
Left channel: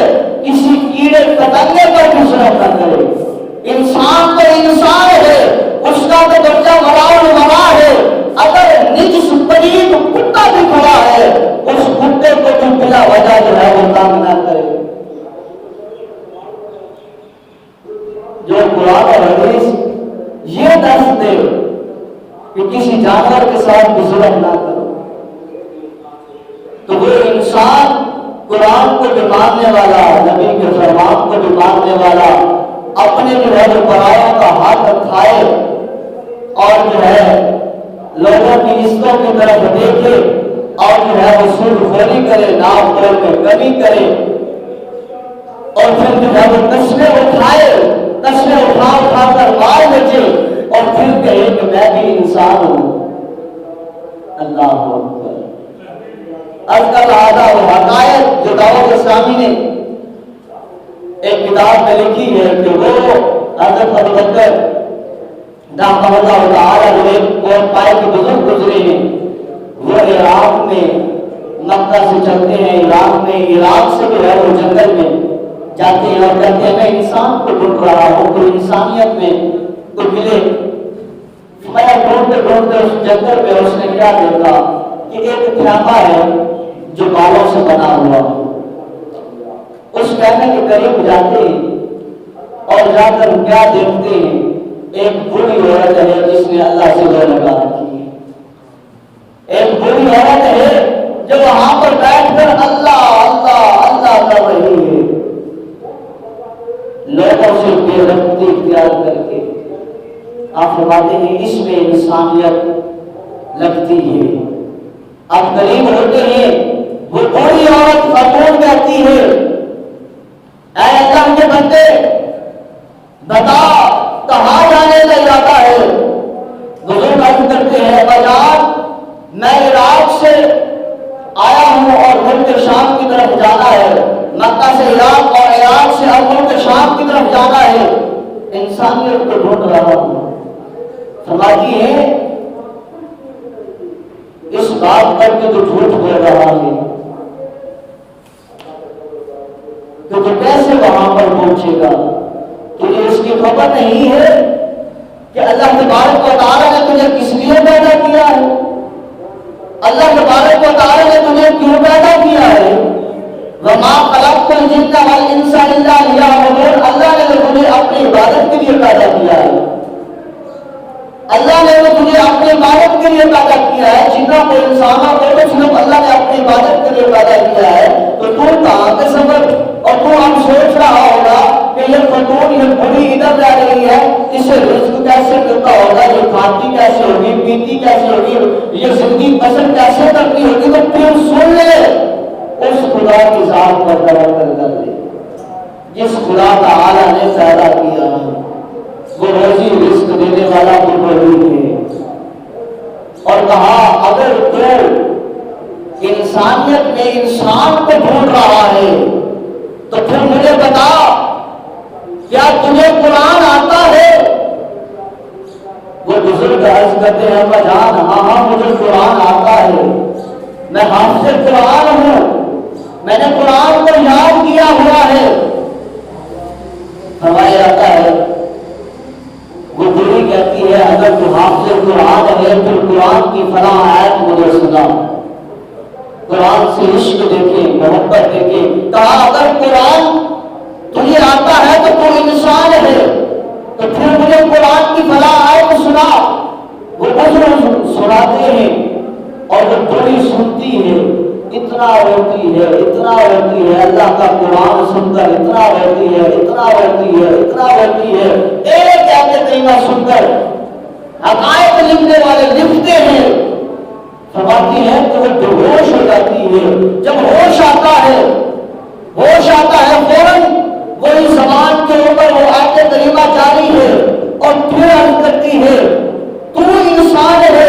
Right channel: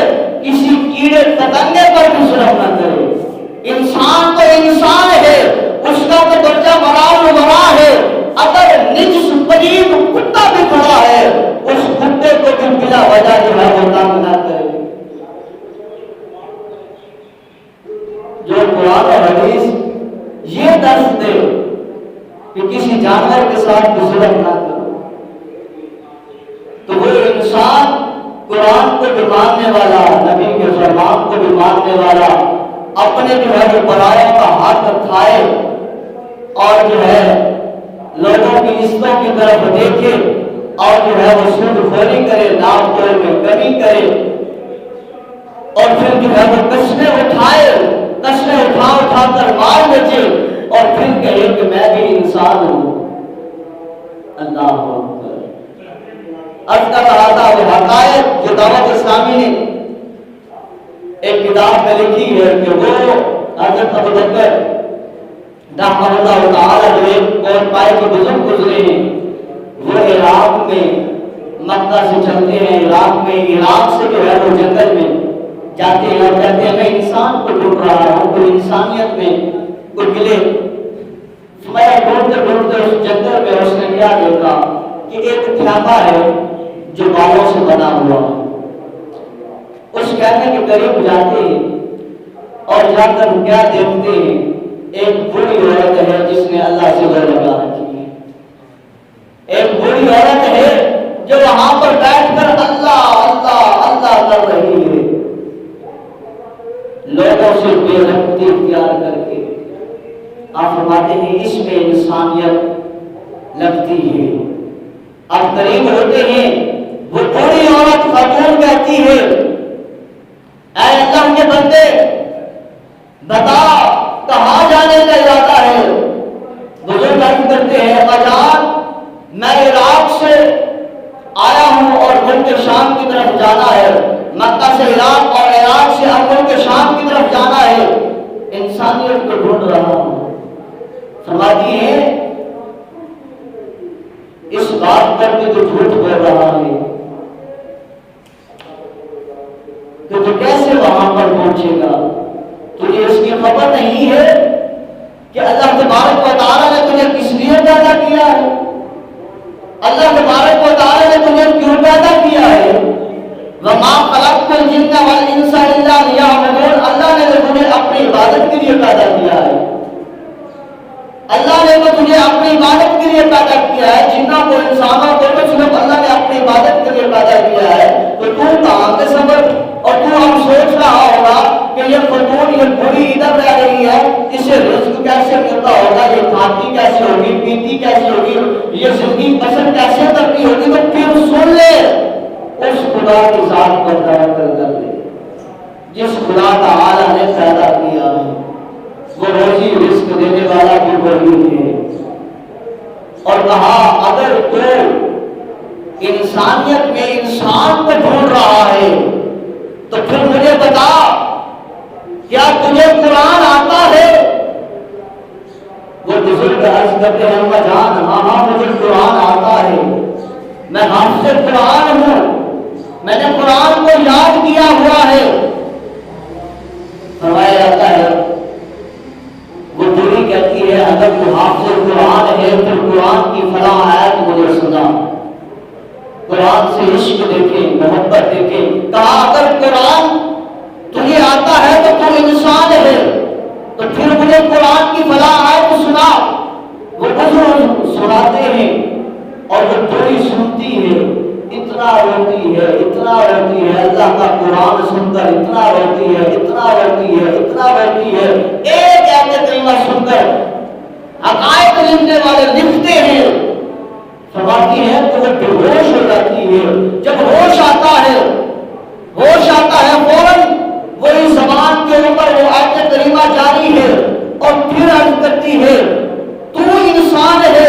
کسی کیڑے پتنگے پر بھی ظلم نہ کرے. انسان تو انسان ہے، اس کا تو درجہ مرا ہے. اگر نجس پلید کتا بھی کھڑا ہے، اس کتے کو بھی بلا وجہ جو ہے وہ تنگ نہ کرے. جو قرآن اور حدیث یہ درس دے کہ کسی جانور کے ساتھ بھی ظلم نہ کرو، تو وہ انسان قرآن کو بھی ماننے والا، نبی کے فرمان کو بھی ماننے والا، اپنے جو ہے وہ پرایوں کا حق کھائے اور جو ہے لوگوں کی عزتوں کی طرف دیکھے اور جو ہے وہ سود خوری کرے، نام بول میں کمی کرے، اور پھر جو ہے وہ کشمے اٹھا کر مار بچے اور پھر کہے کہ میں بھی انسان ہوں. اللہ اکبر. عرض کر رہا تھا وہ حقائق جو دعوت اسلامی نے ایک کتاب میں لکھی ہے کہ وہ حضرت ابوبکر رحمہ اللہ تعالی جو ایک اور پائے کے بزرگ گزرے ہیں، وہ عراق میں مکہ سے چلتے ہیں، عراق سے جو ہے وہ جنگل میں جاتے ہیں اور کہتے ہیں میں انسان کو ڈھونڈ رہا ہوں، کوئی انسانیت میں کوئی ملے. میں ڈھونڈتے اس جنگل میں اس نے کیا دیکھا کہ ایک خیمہ ہے جو بالوں سے بنا ہوا ہے. اس خیمے کے قریب جاتے ہیں اور جا کر کیا دیکھتے ہیں، ایک بوڑھی عورت ہے جس نے اللہ سے دو لگا رکھی ہے. ایک بوڑھی عورت ہے جو وہاں پر بیٹھ کر اللہ اللہ اللہ کر رہی ہے، لوگوں سے بے رحمتی اختیار کر کے. آپ فرماتے ہیں اس میں انسانیت لگتی ہے. اب قریب ہوتے ہیں، وہ بوڑھی عورت خاتون کہتی ہے اے اللہ کے بندے بتا کہاں جانے کا ارادہ ہے. بزرگ عرض کرتے ہیں اجان میں عراق سے آیا ہوں اور ملک شام کی طرف جانا ہے، مکہ سے عراق اور عراق سے اب ملک شام کی طرف جانا ہے، انسانیت کو ڈھونڈ رہا ہوں. فرماتی ہے اس بات پر کہ تو جھوٹ بول رہا ہے کہ تو کیسے وہاں پر پہنچے گا، تجھے اس کی خبر نہیں ہے کہ اللہ تبارک و تعالی نے تجھے کس لیے پیدا کیا ہے، اللہ تبارک و تعالی نے تجھے کیوں پیدا کیا ہے. وَمَا خَلَقْتُ الْجِنَّ وَالْإِنسَ إِلَّا لِيَعْبُدُونِ. اللہ نے تو تجھے اپنی عبادت کے لیے پیدا کیا ہے، اللہ نے تو تجھے اپنی عبادت کے لیے پیدا کیا ہے. جنوں کو انسانوں کو تو صرف اللہ نے اپنی عبادت کے لیے پیدا کیا ہے. تو کہاں کے سبب اور تو اب سوچ رہا ہوگا کہ یہ خاتون یہ بوڑھی ادھر رہ رہی ہے، اسے رزق کیسے ملتا ہوگا، یہ کھاتی کیسے ہوگی، پیتی کیسے ہوگی، یہ زندگی پسند کیسے کرتی ہوگی. تو پھر سن لے اس خدا کی ذات پر توکل کر لے جس خدا تعالی نے پیدا کیا ہے. وہ روزی رزق دینے والا بھی وہی ہے. اور کہا اگر تو انسانیت میں انسان کو ڈھونڈ رہا ہے تو پھر مجھے بتا کیا تجھے قرآن آتا ہے. وہ بزرگ عرض کرتے ہیں اما جان ہاں مجھے قرآن آتا ہے، میں حافظ قرآن ہوں، میں نے قرآن کو یاد کیا ہوا ہے. فرمایا جاتا ہے وہ بوڑھی کہتی ہے اگر تو حافظ قرآن ہے پھر قرآن کی فلاں آیت مجھے سنا، قرآن سے عشق دیکھے، محبت دیکھے. کہا اگر قرآن تجھے آتا ہے تو تو انسان ہے تو پھر مجھے قرآن کی فلاں آیت سنا. وہ بزرگ سناتے ہیں اور وہ بوڑھی سنتی ہے، اتنا روتی ہے اتنا روتی ہے، اللہ کا قرآن سن کر اتنا روتی ہے اتنا روتی ہے اتنا روتی ہے. ایک ایک کلمہ سن کر حقائق لکھنے والے لکھتے ہیں. فرماتی ہے کہ وہ بے ہوش ہو جاتی ہے. جب ہوش آتا ہے فوراً وہی زبان کے اوپر وہ آیت کریمہ جاری ہے اور پھر عرض کرتی ہے تو انسان ہے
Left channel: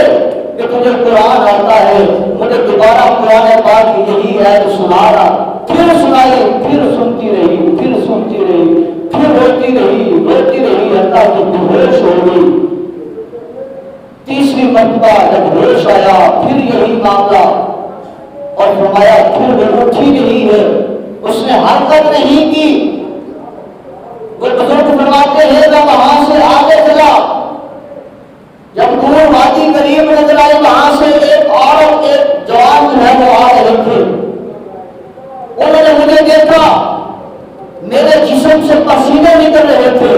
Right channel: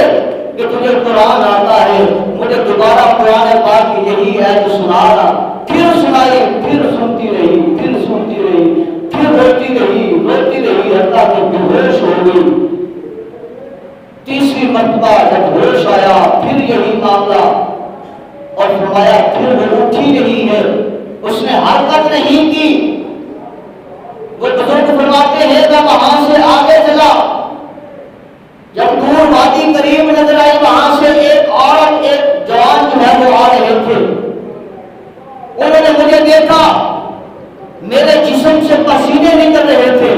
کہ تجھے قرآن آتا ہے، مجھے دوبارہ قرآن پاک کی یہی آیت سنا رہا. پھر سنائی، پھر سنتی رہی، پھر سنتی رہی، پھر روتی رہی حتیٰ کہ بے ہوش ہو گئی. تیسری مرتبہ جب ہوش آیا پھر یہی معاملہ اور فرمایا پھر وہ اٹھی نہیں ہے، اس نے حرکت نہیں کی. انہوں نے مجھے دیکھا، میرے جسم سے پسینے نکل رہے تھے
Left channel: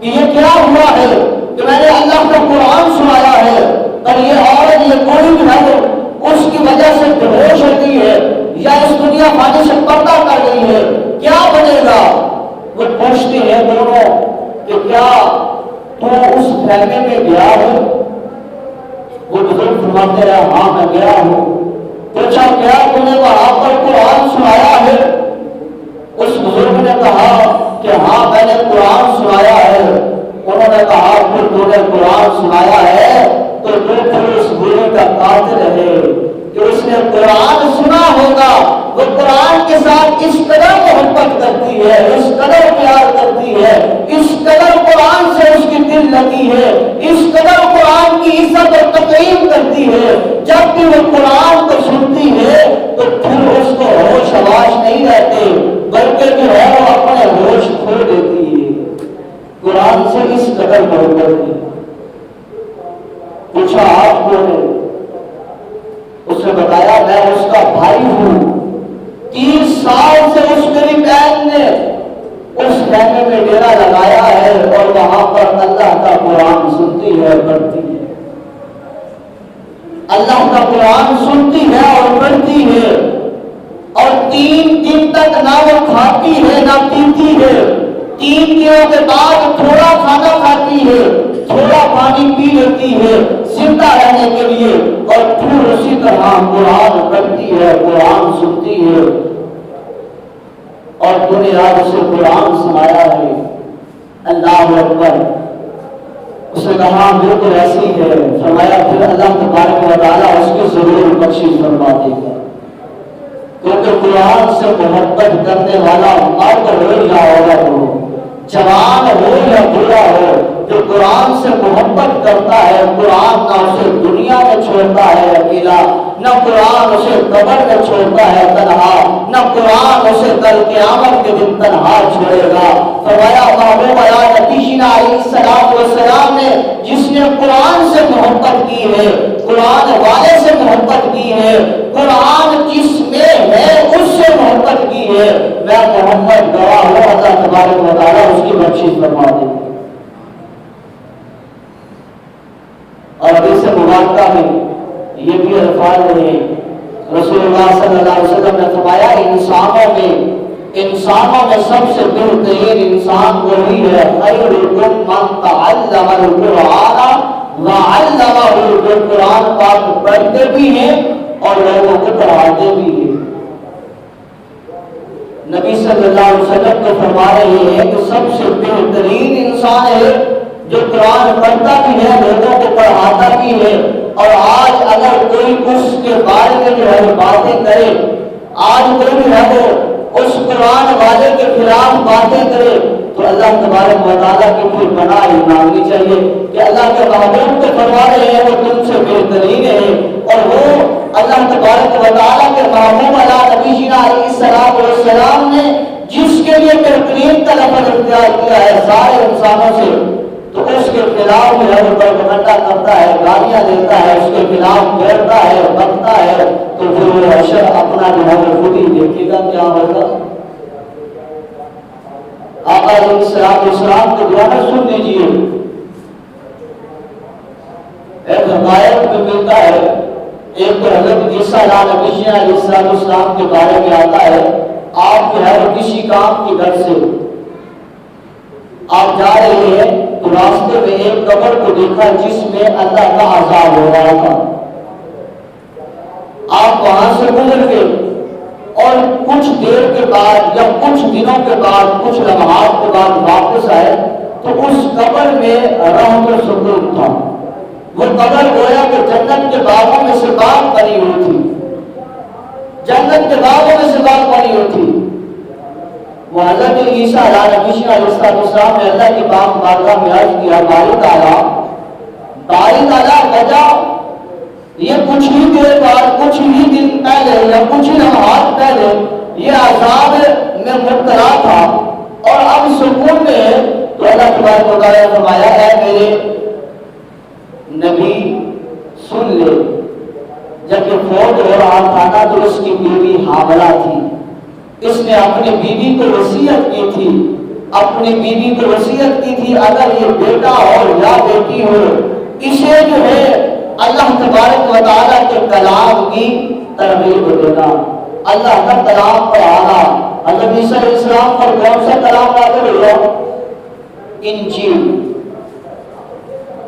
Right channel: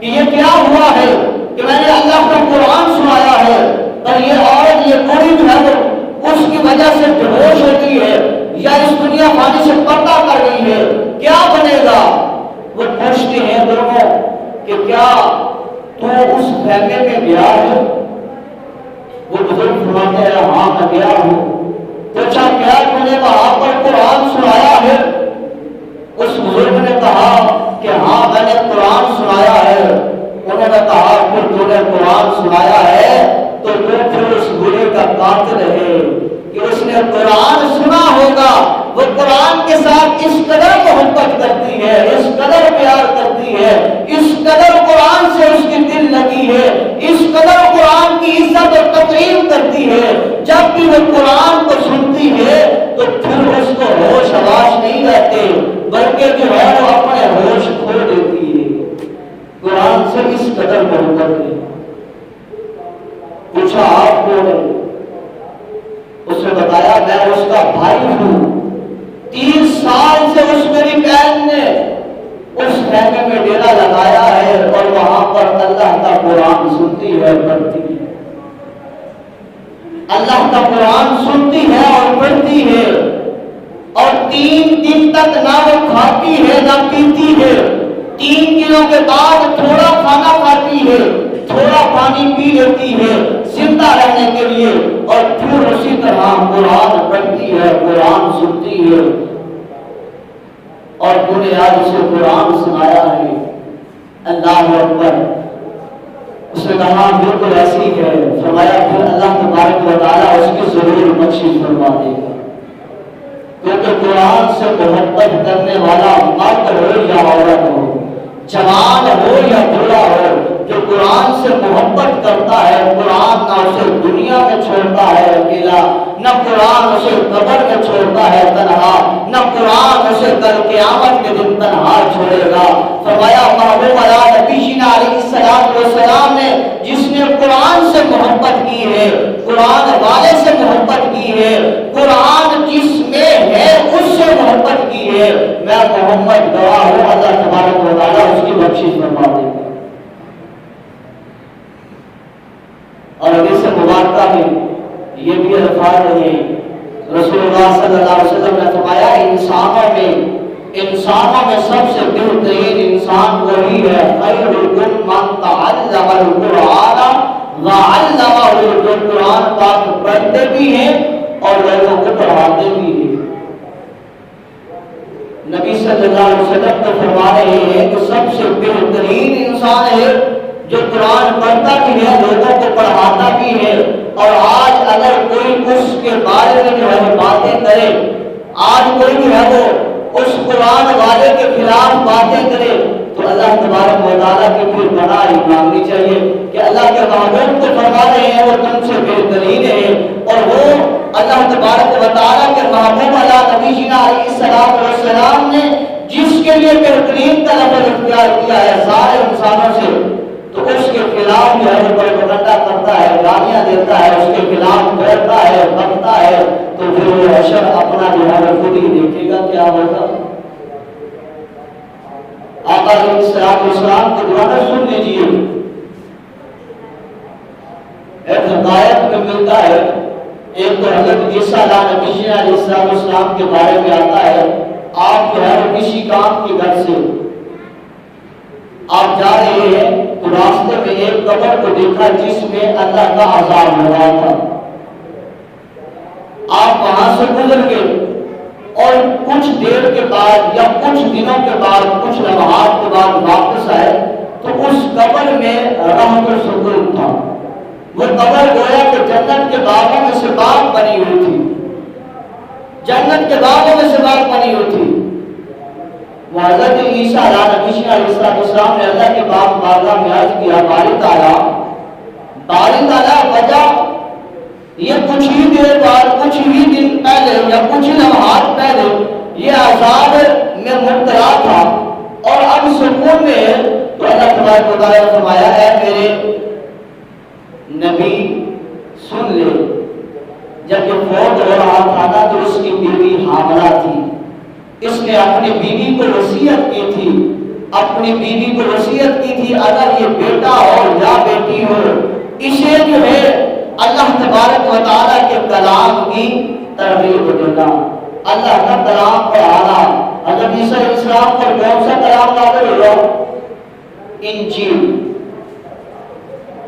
کہ یہ کیا ہوا ہے کہ میں نے اللہ کا قرآن سنایا ہے اور یہ عورت، یہ کوئی جو ہے وہ اس کی وجہ سے بے ہوش ہو گئی ہے یا اس دنیا فانی سے پردہ کر گئی ہے، کیا بنے گا؟ وہ پوچھتے ہیں دونوں کہ کیا تو اس خیمے میں گیا ہے؟ وہ بزرگ فرماتے ہیں ہاں میں گیا ہوں۔ پوچھا کیا تم نے وہاں پر قرآن سنایا ہے؟ اس بزرگ نے کہا کہ ہاں میں نے قرآن سنایا ہے۔ انہوں نے کہا پھر تو نے قرآن سنایا ہے تو پھر اس بری کا قاتل ہے کہ اس نے قرآن سنا ہوگا، وہ قرآن کے ساتھ اس قدر محبت کرتی ہے، اس قدر پیار کرتی ہے، اس قدر قرآن سے اس کی دل لگی ہے، اس قدر قرآن کی عزت اور تقریم کرتی ہے، جب بھی وہ قرآن کو سنتی ہے تو پھر اس کو ہوش حواس نہیں رہتے بلکہ جو ہے وہ اپنے ہوش کھو دیتی ہے۔ قرآن سے اس قدر محبت ہے۔ پوچھا آپ کون ہے؟ اس نے بتایا میں اس کا بھائی ہوں، 30 سال سے اس میری بہن نے اس خیمے میں ڈیرا لگایا ہے اور وہاں پر اللہ کا قرآن سنتی ہے، پڑھتی ہے، اللہ کا قرآن سنتی ہے اور پڑھتی ہے، اور 3 دن تک نہ وہ کھاتی ہے نہ پیتی ہے، 3 دنوں کے بعد تھوڑا کھانا کھاتی ہے، تھوڑا پانی پی لیتی ہے زندہ رہنے کے لیے، اور پھر اسی طرح قرآن پڑھتی ہے، قرآن سنتی ہے۔ اور تو نے آج اسے قرآن سنایا ہے، اللہ اکبر۔ اس نے کہا بالکل ایسی ہے۔ فرمایا پھر اللہ تبارک و تعالیٰ اس کی ضرور بخشش فرما دے گا، کیونکہ قرآن سے محبت کرنے والا مرد ہو یا عورت ہو، جوان ہو یا بوڑھا ہو، جو قرآن سے محبت کرتا ہے، قرآن نہ اسے دنیا میں چھوڑتا ہے اکیلا، نہ قرآن اسے قبر میں چھوڑتا ہے تنہا، نہ قرآن اسے کل قیامت کے دن تنہا چھوڑے گا۔ فرمایا محبوب نبینا علیہ السلام نے جس نے قرآن سے محبت کی ہے، قرآن والے سے محبت کی ہے، قرآن جس میں ہے اس سے محبت کی ہے، میں محمد گواہ ہوں اللہ تبارک و تعالیٰ اس کی بخشش فرما دے گا۔ اور حدیث مبارکہ میں یہ بھی الفاظ ہیں، رسول اللہ صلی اللہ علیہ وسلم نے فرمایا انسانوں میں سب سے بہترین انسان وہی ہے، خیرکم من تعلم القرآن وعلمہ، جو قرآن پاک پڑھتے بھی ہیں اور لوگوں کو پڑھاتے بھی ہیں۔ نبی صلی اللہ علیہ وسلم کو فرما رہے ہیں کہ سب سے بہترین انسان ہے جو قرآن پڑھتا بھی ہے، لوگوں کو پڑھاتا بھی ہے۔ اور آج اگر کوئی اس کے بارے میں جو ہے وہ باتیں کرے، آج کوئی جو ہے وہ اس قرآن والے کے خلاف باتیں کرے، تو اللہ تبارک و تعالیٰ کی پھر پناہ مانگنی چاہیے کہ اللہ کے محبوب کو فرما رہے ہیں وہ تم سے بہترین ہے، اور وہ اللہ تبارک و تعالیٰ کے محبوب نبینا علیہ السلام نے جس کے لیے بہترین کا لفظ اختیار کیا ہے سارے انسانوں سے، تو اس کے خلاف جو ہے وہ پروپیگنڈا کرتا ہے، گالیاں دیتا ہے، اس کے خلاف بولتا ہے، بکتا ہے، تو پھر وہ حشر اپنا جو ہے وہ خود ہی دیکھے گا کیا ہوگا۔ آقا علیہ السلام کے دعا سن لیجیے، ایک حقائق میں ملتا ہے، ایک تو حضرت عیسیٰ علیہ السلام کے بارے میں آتا ہے، آپ جو ہے وہ کسی کام کی غرض سے آپ جا رہے ہیں تو راستے میں ایک قبر کو دیکھا جس میں اللہ کا عذاب ہو رہا تھا، آپ وہاں سے گزر گئے اور کچھ دیر کے بعد یا کچھ دنوں کے بعد، کچھ لمحات کے بعد واپس آئے تو اس قبر میں رحمت و سکون تھا۔ وہ قبر گویا کہ جنت کے باغوں میں سے باغ بنی ہوئی تھی، جنت کے باغوں میں سے باغ بنی ہوئی تھی۔ وہ حضرت عیسیٰ علیہ السلام نے اللہ کے باغ بارگاہ میں عرض کیا، باری تعالیٰ وجہ یہ کچھ ہی دیر بعد، کچھ ہی دن پہلے یا کچھ لمحات پہلے یہ عذاب میں مبتلا تھا اور اب سکون میں ہے، تو اللہ تبارک و تعالیٰ نے فرمایا ہے میرے نبی سن لے، جب یہ فوت ہو رہا تھا نا تو اس کی بیوی حاملہ تھی، اس نے اپنی بیوی کو وصیت کی تھی، اپنی بیوی کو وصیت کی تھی اگر یہ بیٹا ہو یا بیٹی ہو، اسے جو ہے اللہ تبارک و تعالیٰ کے کلام کی ترغیب دینا، اللہ کا کلام پڑھانا۔ حضرت عیسیٰ علیہ السلام پر کون سا کلام نازل ہوا؟ انجیل،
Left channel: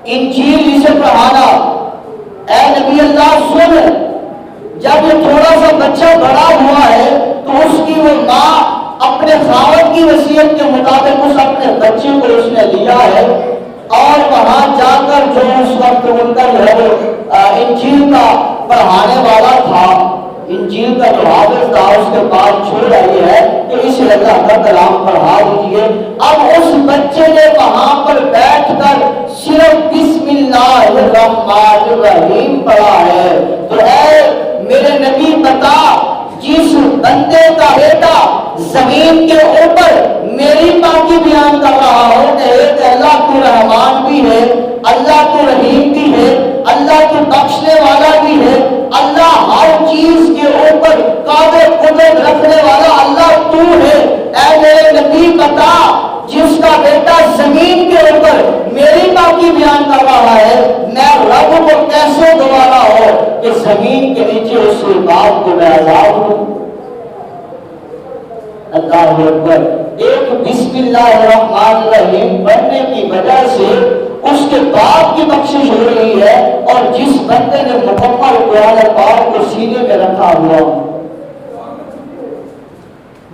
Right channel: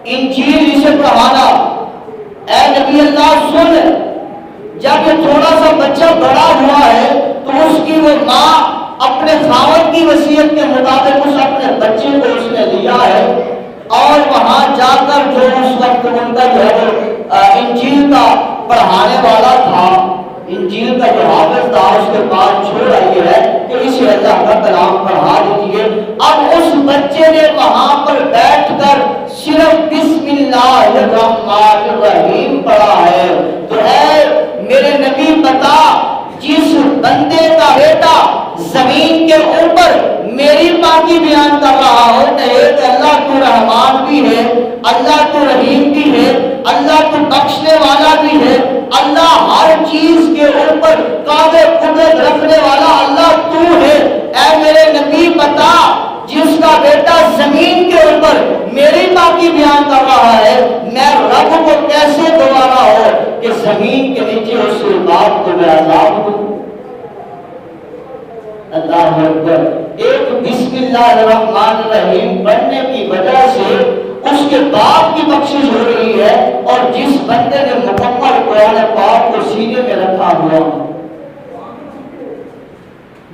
انجیل اسے پڑھانا۔ اے نبی اللہ سن، جب یہ تھوڑا سا بچہ بڑا ہوا ہے تو اس کی وہ ماں اپنے خاوند کی وصیت کے مطابق اس اپنے بچے کو اس نے لیا ہے، اور وہاں جا کر جو اس وقت ان کا جو ہے انجیل کا پڑھانے والا تھا، انجیل کا جو حافظ تھا، اس کے پاس چھوڑ آئی ہے کہ اسے اللہ کا کلام پڑھا دیجیے۔ اب اس بچے نے وہاں پر بیٹھ کر صرف بسم اللہ الرحمن الرحیم پڑھا ہے۔ تو اے میرے نبی بتا، جس بندے کا بیٹا زمین کے اوپر میری پاکی بیان کر رہا ہو کہ اللہ تو رحمان بھی ہے، اللہ تو رحیم بھی ہے، اللہ تو بخشنے والا بھی ہے، اللہ ہر چیز کے اوپر قابل قدرت رکھنے والا اللہ تو ہے، اے میرے نبی بتا، جس کا بیٹا زمین کے اوپر میری پاکی بیان کر رہا ہے، میں رب کو کیسے گوارا ہو کہ زمین کے نیچے اس کے باپ کو میں عذاب ہوں۔ اللہ اکبر۔ ایک بسم اللہ الرحمن الرحیم پڑھنے کی وجہ سے اس کے باپ کی بخشش ہو رہی ہے، اور جس بندے نے مکمل قرآن پاک کو سینے میں رکھا ہوا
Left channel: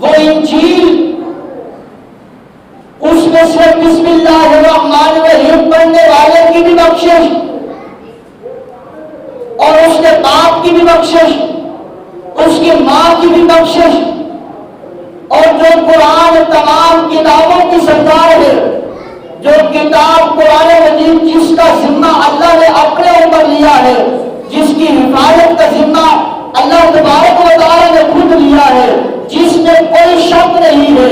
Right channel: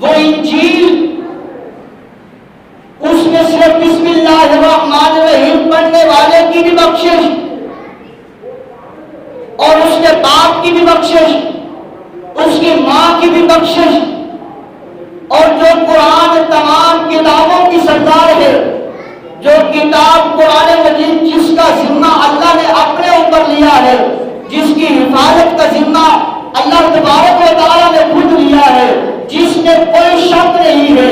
وہ انجیل، اس میں صرف بسم اللہ الرحمن الرحیم پڑھنے والے کی بھی بخشش اور اس کے باپ کی بھی بخشش، اس کی ماں کی بھی بخشش، اور جو قرآن تمام کتابوں کی سردار ہے، جو کتاب قرآن مجید جس کا ذمہ اللہ نے اپنے اوپر لیا ہے، جس کی حفاظت کا ذمہ اللہ تبارک و تعالیٰ نے خود لیا ہے، جس میں کوئی شک نہیں ہے،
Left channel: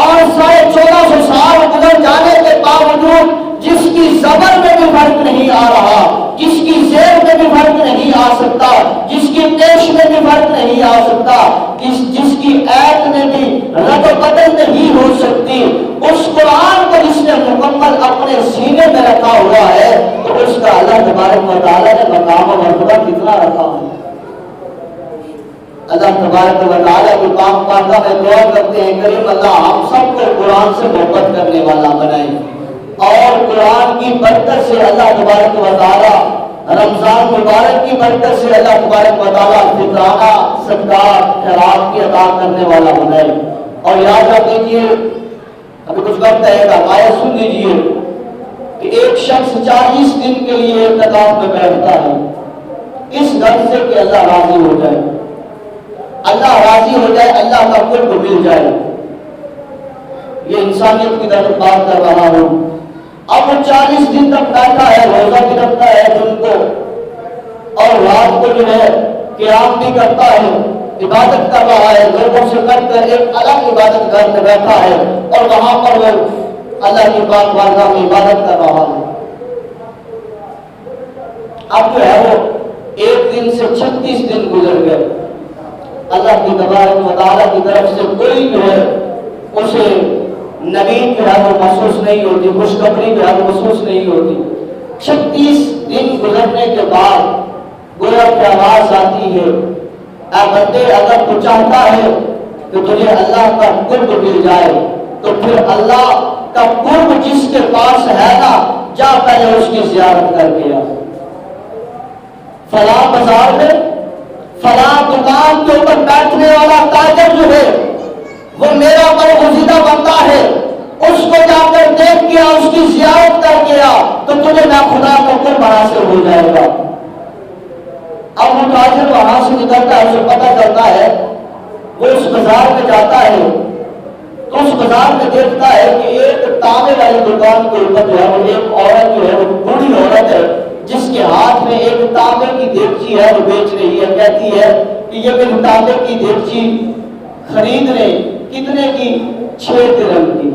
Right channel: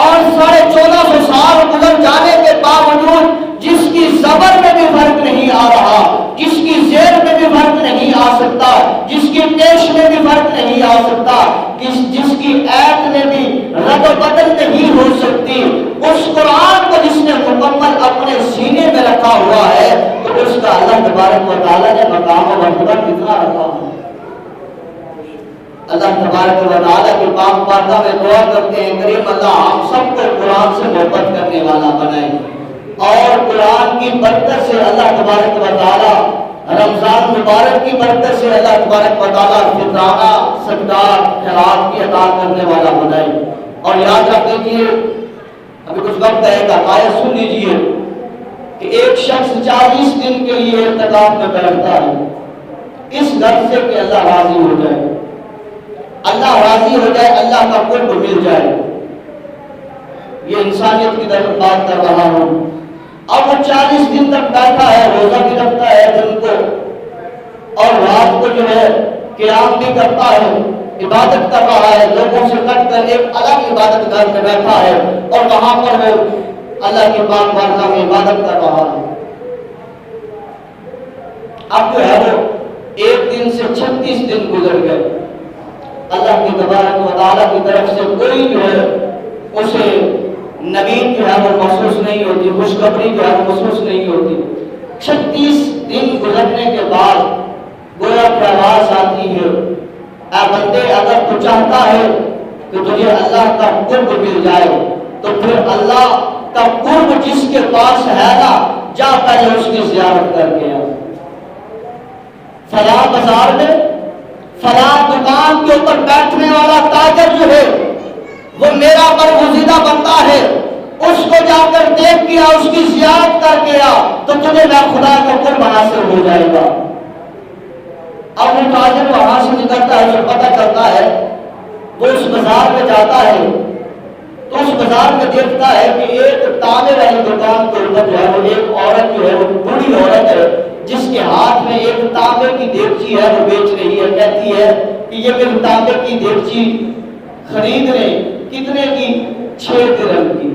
اور 1450 سال گزر جانے کے باوجود جس کی زبر میں بھی فرق نہیں آ رہا، جس کی زیر میں بھی فرق نہیں آ سکتا، جس کی پیش میں بھی فرق نہیں آ سکتا، جس کی ایت میں بھی رد و بدل نہیں ہو سکتی، اس قرآن کو جس نے مکمل اپنے سینے میں رکھا ہوا ہے، تو اس کا اللہ تبارک و تعالیٰ نے مقام و مرتبہ کتنا رکھا ہے۔ اللہ تبارک و تعالیٰ کی پاک بارگاہ میں دعا کرتے ہیں کریم اللہ ہم سب کو قرآن سے محبت کرنے والا بنائے، اور قرآن کی برکت سے اللہ تبارک و تعالیٰ رمضان مبارک کی برکت سے اللہ تبارک و تعالیٰ فطرانہ صدقات خیرات کی عطا کرنے والا بنائے۔ اور یاد رکھ لیجیے، ابھی کچھ وقت ہے، ایک آیت سن لیجیے کہ ایک شخص 40 دن کے لیے اعتکاف میں بیٹھتا ہے اس غرض سے کہ اللہ راضی ہو جائے، اللہ راضی ہو جائے، اللہ کا قرب مل جائے۔ یہ انسانیت کی طرف بات کر رہا ہوں۔ اب وہ 40 دن تک بیٹھا ہے، روزہ بھی رکھتا ہے دن کو، اور رات کو جو ہے قیام بھی کرتا ہے، عبادت کر رہا ہے، لوگوں سے کٹ کر ایک الگ عبادت گھر میں بیٹھا ہے، اور وہاں پر وہ اللہ کی پاک بارگاہ میں عبادت کر رہا ہے۔ اب جو ہے وہ ایک دن سے 36 دن گزر گئے، اللہ کی تبارک و تعالیٰ کی طرف سے کوئی جو ہے اسے نوید جو ہے وہ محسوس نہیں ہوتی، خوشخبری جو ہے وہ محسوس نہیں ہوتی۔ 36 دن گزرنے کے بعد گویا کی آواز آتی ہے، اے بندے اگر تو چاہتا ہے کہ تجھے اللہ کا قرب مل جائے تو پھر اللہ کا قرب جس کے پاس ہے نا، جا پہلے اس کی زیارت کر کے آ۔ فلاں بازار میں فلاں دکان کے اوپر بیٹھنے والا تاجر جو ہے وہ میرا برگزیدہ بندہ ہے، اس کو جا کر دیکھ کے اس کی زیارت کر کے آ تو تجھے نہ خدا کا قرب حاصل ہو جائے گا۔ اب وہ تاجر وہاں سے نکلتا ہے، اسے پتہ چلتا ہے، وہ اس بازار میں جاتا ہے تو اس بازار میں دیکھتا ہے کہ ایک تانبے والی دکان کے اوپر جو ہے وہ ایک عورت جو ہے وہ بوڑھی عورت ہے، جس کے ہاتھ میں ایک تانبے کی دیگچی ہے، وہ بیچ رہی ہے، کہتی ہے کہ یہ میری تانبے کی دیگچی خرید لیں، کتنے کی؟ 6 درہم کی،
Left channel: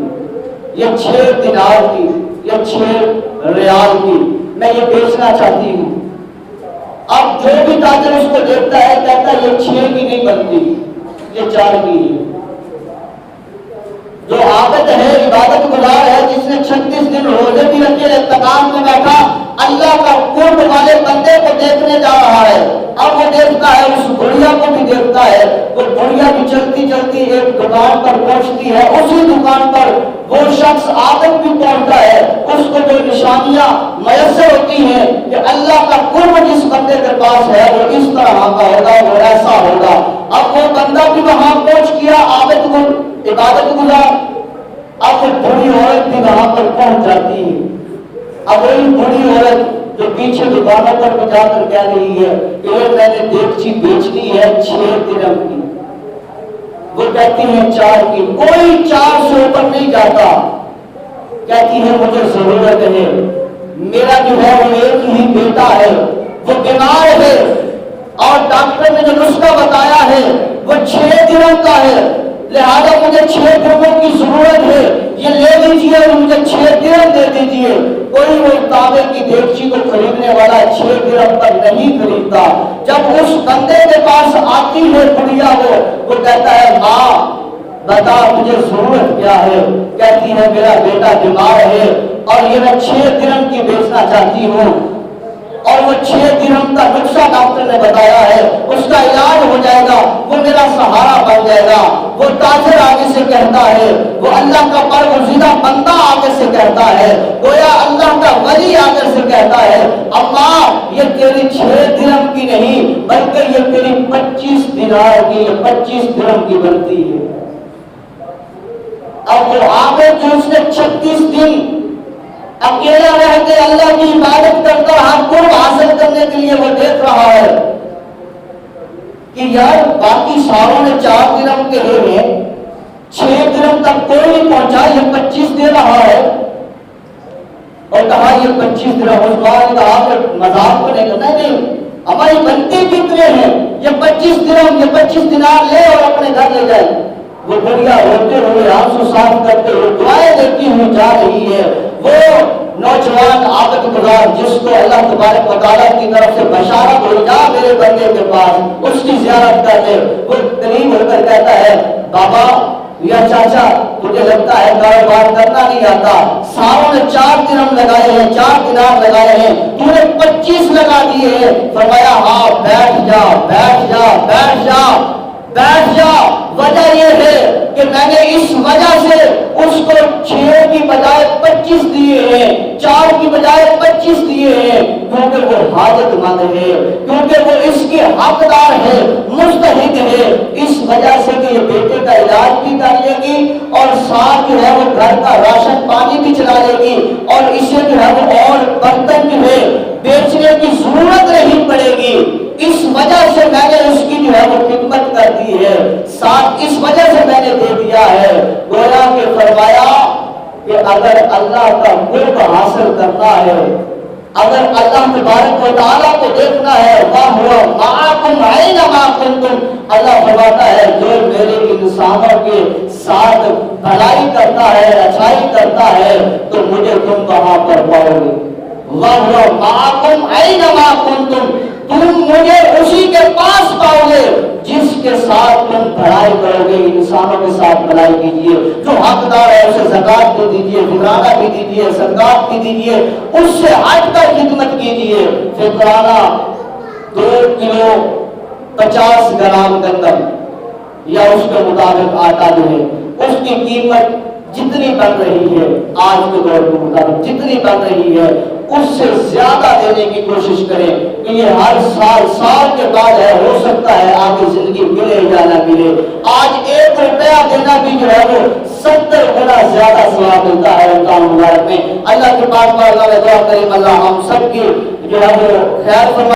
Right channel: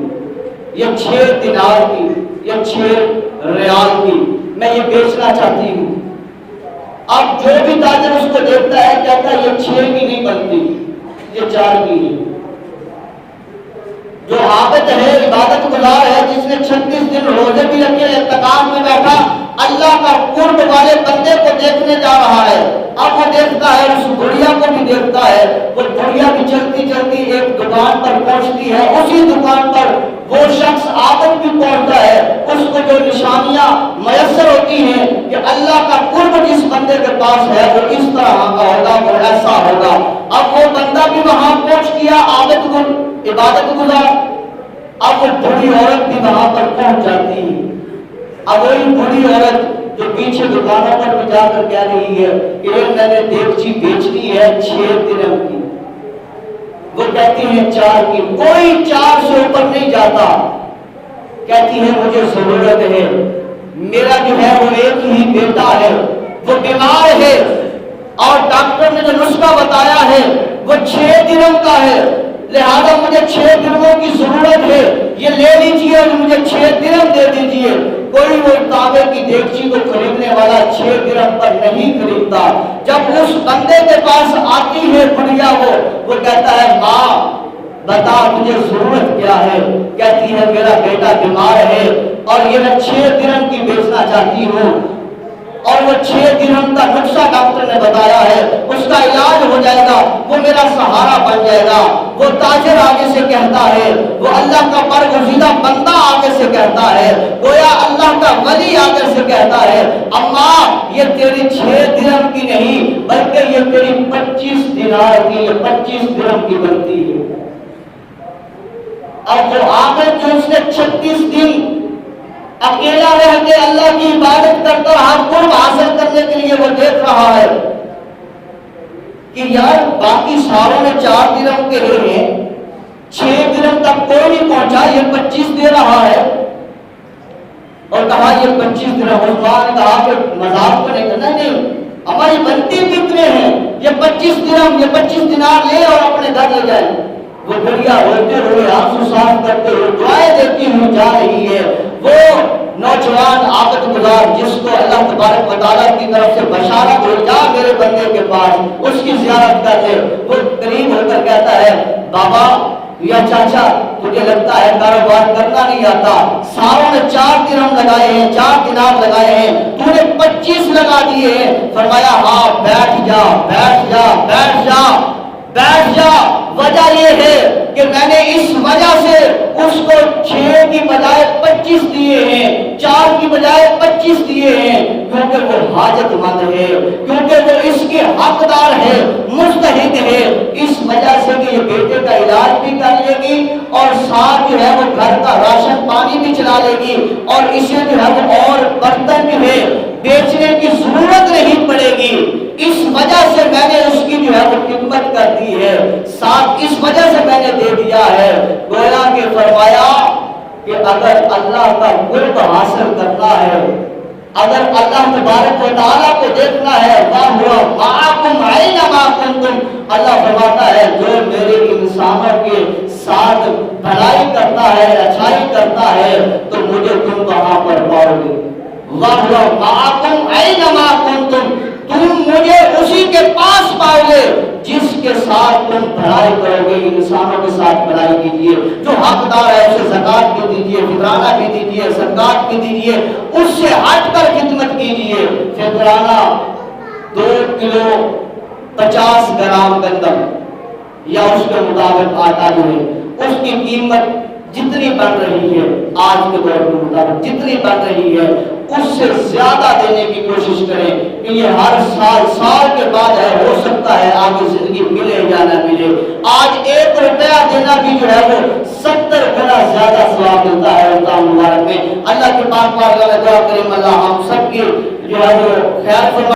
یا 6 دینار کی، یا 6 ریال کی، میں یہ بیچنا چاہتی ہوں۔ اب جو بھی تاجر اس کو دیکھتا ہے کہتا ہے یہ 6 کی نہیں بنتی، یہ 4 کی ہے۔ جو عابد ہے، عبادت گزار ہے، جس نے 36 دن روزے بھی رکھے، اعتکاف میں بیٹھا، اللہ کا قرب والے بندے کو دیکھنے جا رہا ہے۔ اب وہ دیکھتا ہے، اس بڑھیا کو بھی دیکھتا ہے، وہ بڑھیا بھی چلتی چلتی ایک دکان پر پہنچتی ہے، اسی دکان پر وہ شخص عابد بھی پہنچتا ہے۔ اس کو جو نشانیاں میسر ہوتی ہیں کہ اللہ کا قرب جس بندے کے پاس ہے وہ اس طرح کا ہوگا، وہ ایسا ہوگا۔ اب وہ بندہ بھی وہاں پہنچ گیا، عابد کو عبادت گزار۔ اب وہ بڑی عورت بھی وہاں پر پہنچ جاتی ہے۔ اب وہی بڑی عورت جو پیچھے دکانوں پر بھی جا کر کہہ رہی ہے کہ یہ میں نے دیگچی بیچنی ہے 6 درہم کی، وہ کہتی ہے 4 کی، کوئی 4 سے اوپر نہیں جاتا۔ کہتی ہے مجھے ضرورت ہے، میرا جو ہے وہ ایک ہی بیٹا ہے، وہ بیمار ہے، اور ڈاکٹر نے جو نسخہ بتایا ہے وہ 6 درہم کا ہے، لہذا مجھے 6 درہموں کی ضرورت ہے، یہ لے لیجئے اور مجھے 6 درہم دے دیجئے۔ کوئی وہ تانبے کی دیگچی کو خریدنے والا 6 درہم پر نہیں خریدتا۔ جب اس بندے کے پاس آتی ہے بڑھیا، وہ کہتا ہے ماں بتا تجھے ضرورت کیا ہے؟ کہتی ہے میرا بیٹا بیمار ہے اور یہ میں 6 درہم کی بیچنا چاہتی ہوں، اور وہ 6 درہم کا نسخہ ڈاکٹر نے بتایا ہے، اس کا علاج ہو جائے گا، وہ میرا سہارا بن جائے گا۔ وہ تاجر آگے سے کہتا ہے، وہ اللہ کا برگزیدہ بندہ آگے سے کہتا ہے، گویا اللہ کا ولی آگے سے کہتا ہے اماں یہ تیری 6 درہم کی نہیں بلکہ یہ تیری 25 دینار کی، 25 درہم کی بنتی ہے۔ اب وہ آگے جو اس نے 36 دن اکیلا رہ کے اللہ کی عبادت کرتا رہا، قرب حاصل کرنے کے لیے وہ دیکھ رہا ہے کہ یار باقی ساروں نے 4 درہم کے لیے 6 درہم تک کوئی نہیں پہنچا، یہ 25 دے رہا ہے، اور کہا یہ 25 درہم۔ عثمان نے کہا کہ مذاق کو نہیں کرنا، نہیں ہماری بنتے کتنے ہیں، یہ 25 درہم، یہ 25 دینار لے اور اپنے گھر لے جائے۔ وہ بڑھیا ہوتے ہوئے آنسو صاف کرتے ہوئے دعائیں دیتی ہوئی جا رہی ہے۔ وہ نوجوان عابد گزار جس کو اللہ تبارک و تعالیٰ کی طرف سے بشارت ہوئی جا میرے بندے کے پاس اس کی زیارت کر لے، وہ قریب ہو کر کہتا ہے بابا یا چاچا تجھے لگتا ہے کاروبار کرنا نہیں آتا، ساروں نے 4 درہم لگائے ہیں، 4 دینار لگائے ہیں، تو نے 25 لگا دیے ہیں۔ فرمایا ہاں بیٹھ جا بیٹھ جا بیٹھ جا بیٹھ جا، وجہ یہ ہے کہ میں نے اس وجہ سے اس کو 6 کی بجائے 25 دیے ہیں، 4 کی بجائے 25 دیے ہیں، کیونکہ وہ حاجت مند ہے، کیونکہ وہ اس کی حقدار ہے، مستحق ہے، اس وجہ سے کہ یہ بیٹے کا علاج بھی کر لے گی اور ساتھ جو ہے وہ گھر کا راشن پانی بھی چلا لے گی، اور اسے جو ہے وہ اور برتن جو ہے بیچنے کی ضرورت نہیں پڑے گی۔ اس وجہ سے میں نے اس کی جو ہے وہ خدمت کر دی ہے، ساتھ اس وجہ سے میں نے دے دیا ہے۔ گویا کہ فرمایا کہ اگر اللہ کا قرب حاصل کرنا ہے، اگر اللہ تبارک و تعالیٰ کو دیکھنا ہے، وَهُوَ مَعَكُمْ أَيْنَمَا كُنتُمْ، اللہ فرماتا ہے جو میرے انسانوں کے ساتھ بھلائی کرتا ہے، اچھائی کرتا ہے تو مجھے تم وہاں پر پاؤ گے۔ وَهُوَ مَعَكُمْ أَيْنَمَا كُنتُمْ، تم مجھے اسی کے پاس پاؤ گے جس کے ساتھ تم بھلائی کرو گے۔ انسانوں کے ساتھ بھلائی کیجیے، جو حقدار ہے اسے زکوٰۃ بھی دیجیے، فطرانہ بھی دیجیے، صدقات بھی دیجیے، اس سے ہٹ کر خدمت کیجیے۔ فطرانہ 2 کلو 50 گرام گندم یا اس کے مطابق آٹا جو ہے اس کی قیمت جتنی بن رہی ہے آج کے دور کے مطابق جتنی بن رہی ہے اس سے زیادہ دینے کی کوشش کریں کہ یہ ہر سال کے بعد ہے، ہو سکتا ہے آگے زندگی ملے یا نہ ملے۔ آج 1 روپیہ دینا بھی جو ہے وہ 70 گنا زیادہ ثواب ملتا ہے رمضان مبارک میں۔ اللہ کے پاک بارگاہ میں دعا کریں اللہ ہم سب کی جو ہے وہ خیر فرمائے۔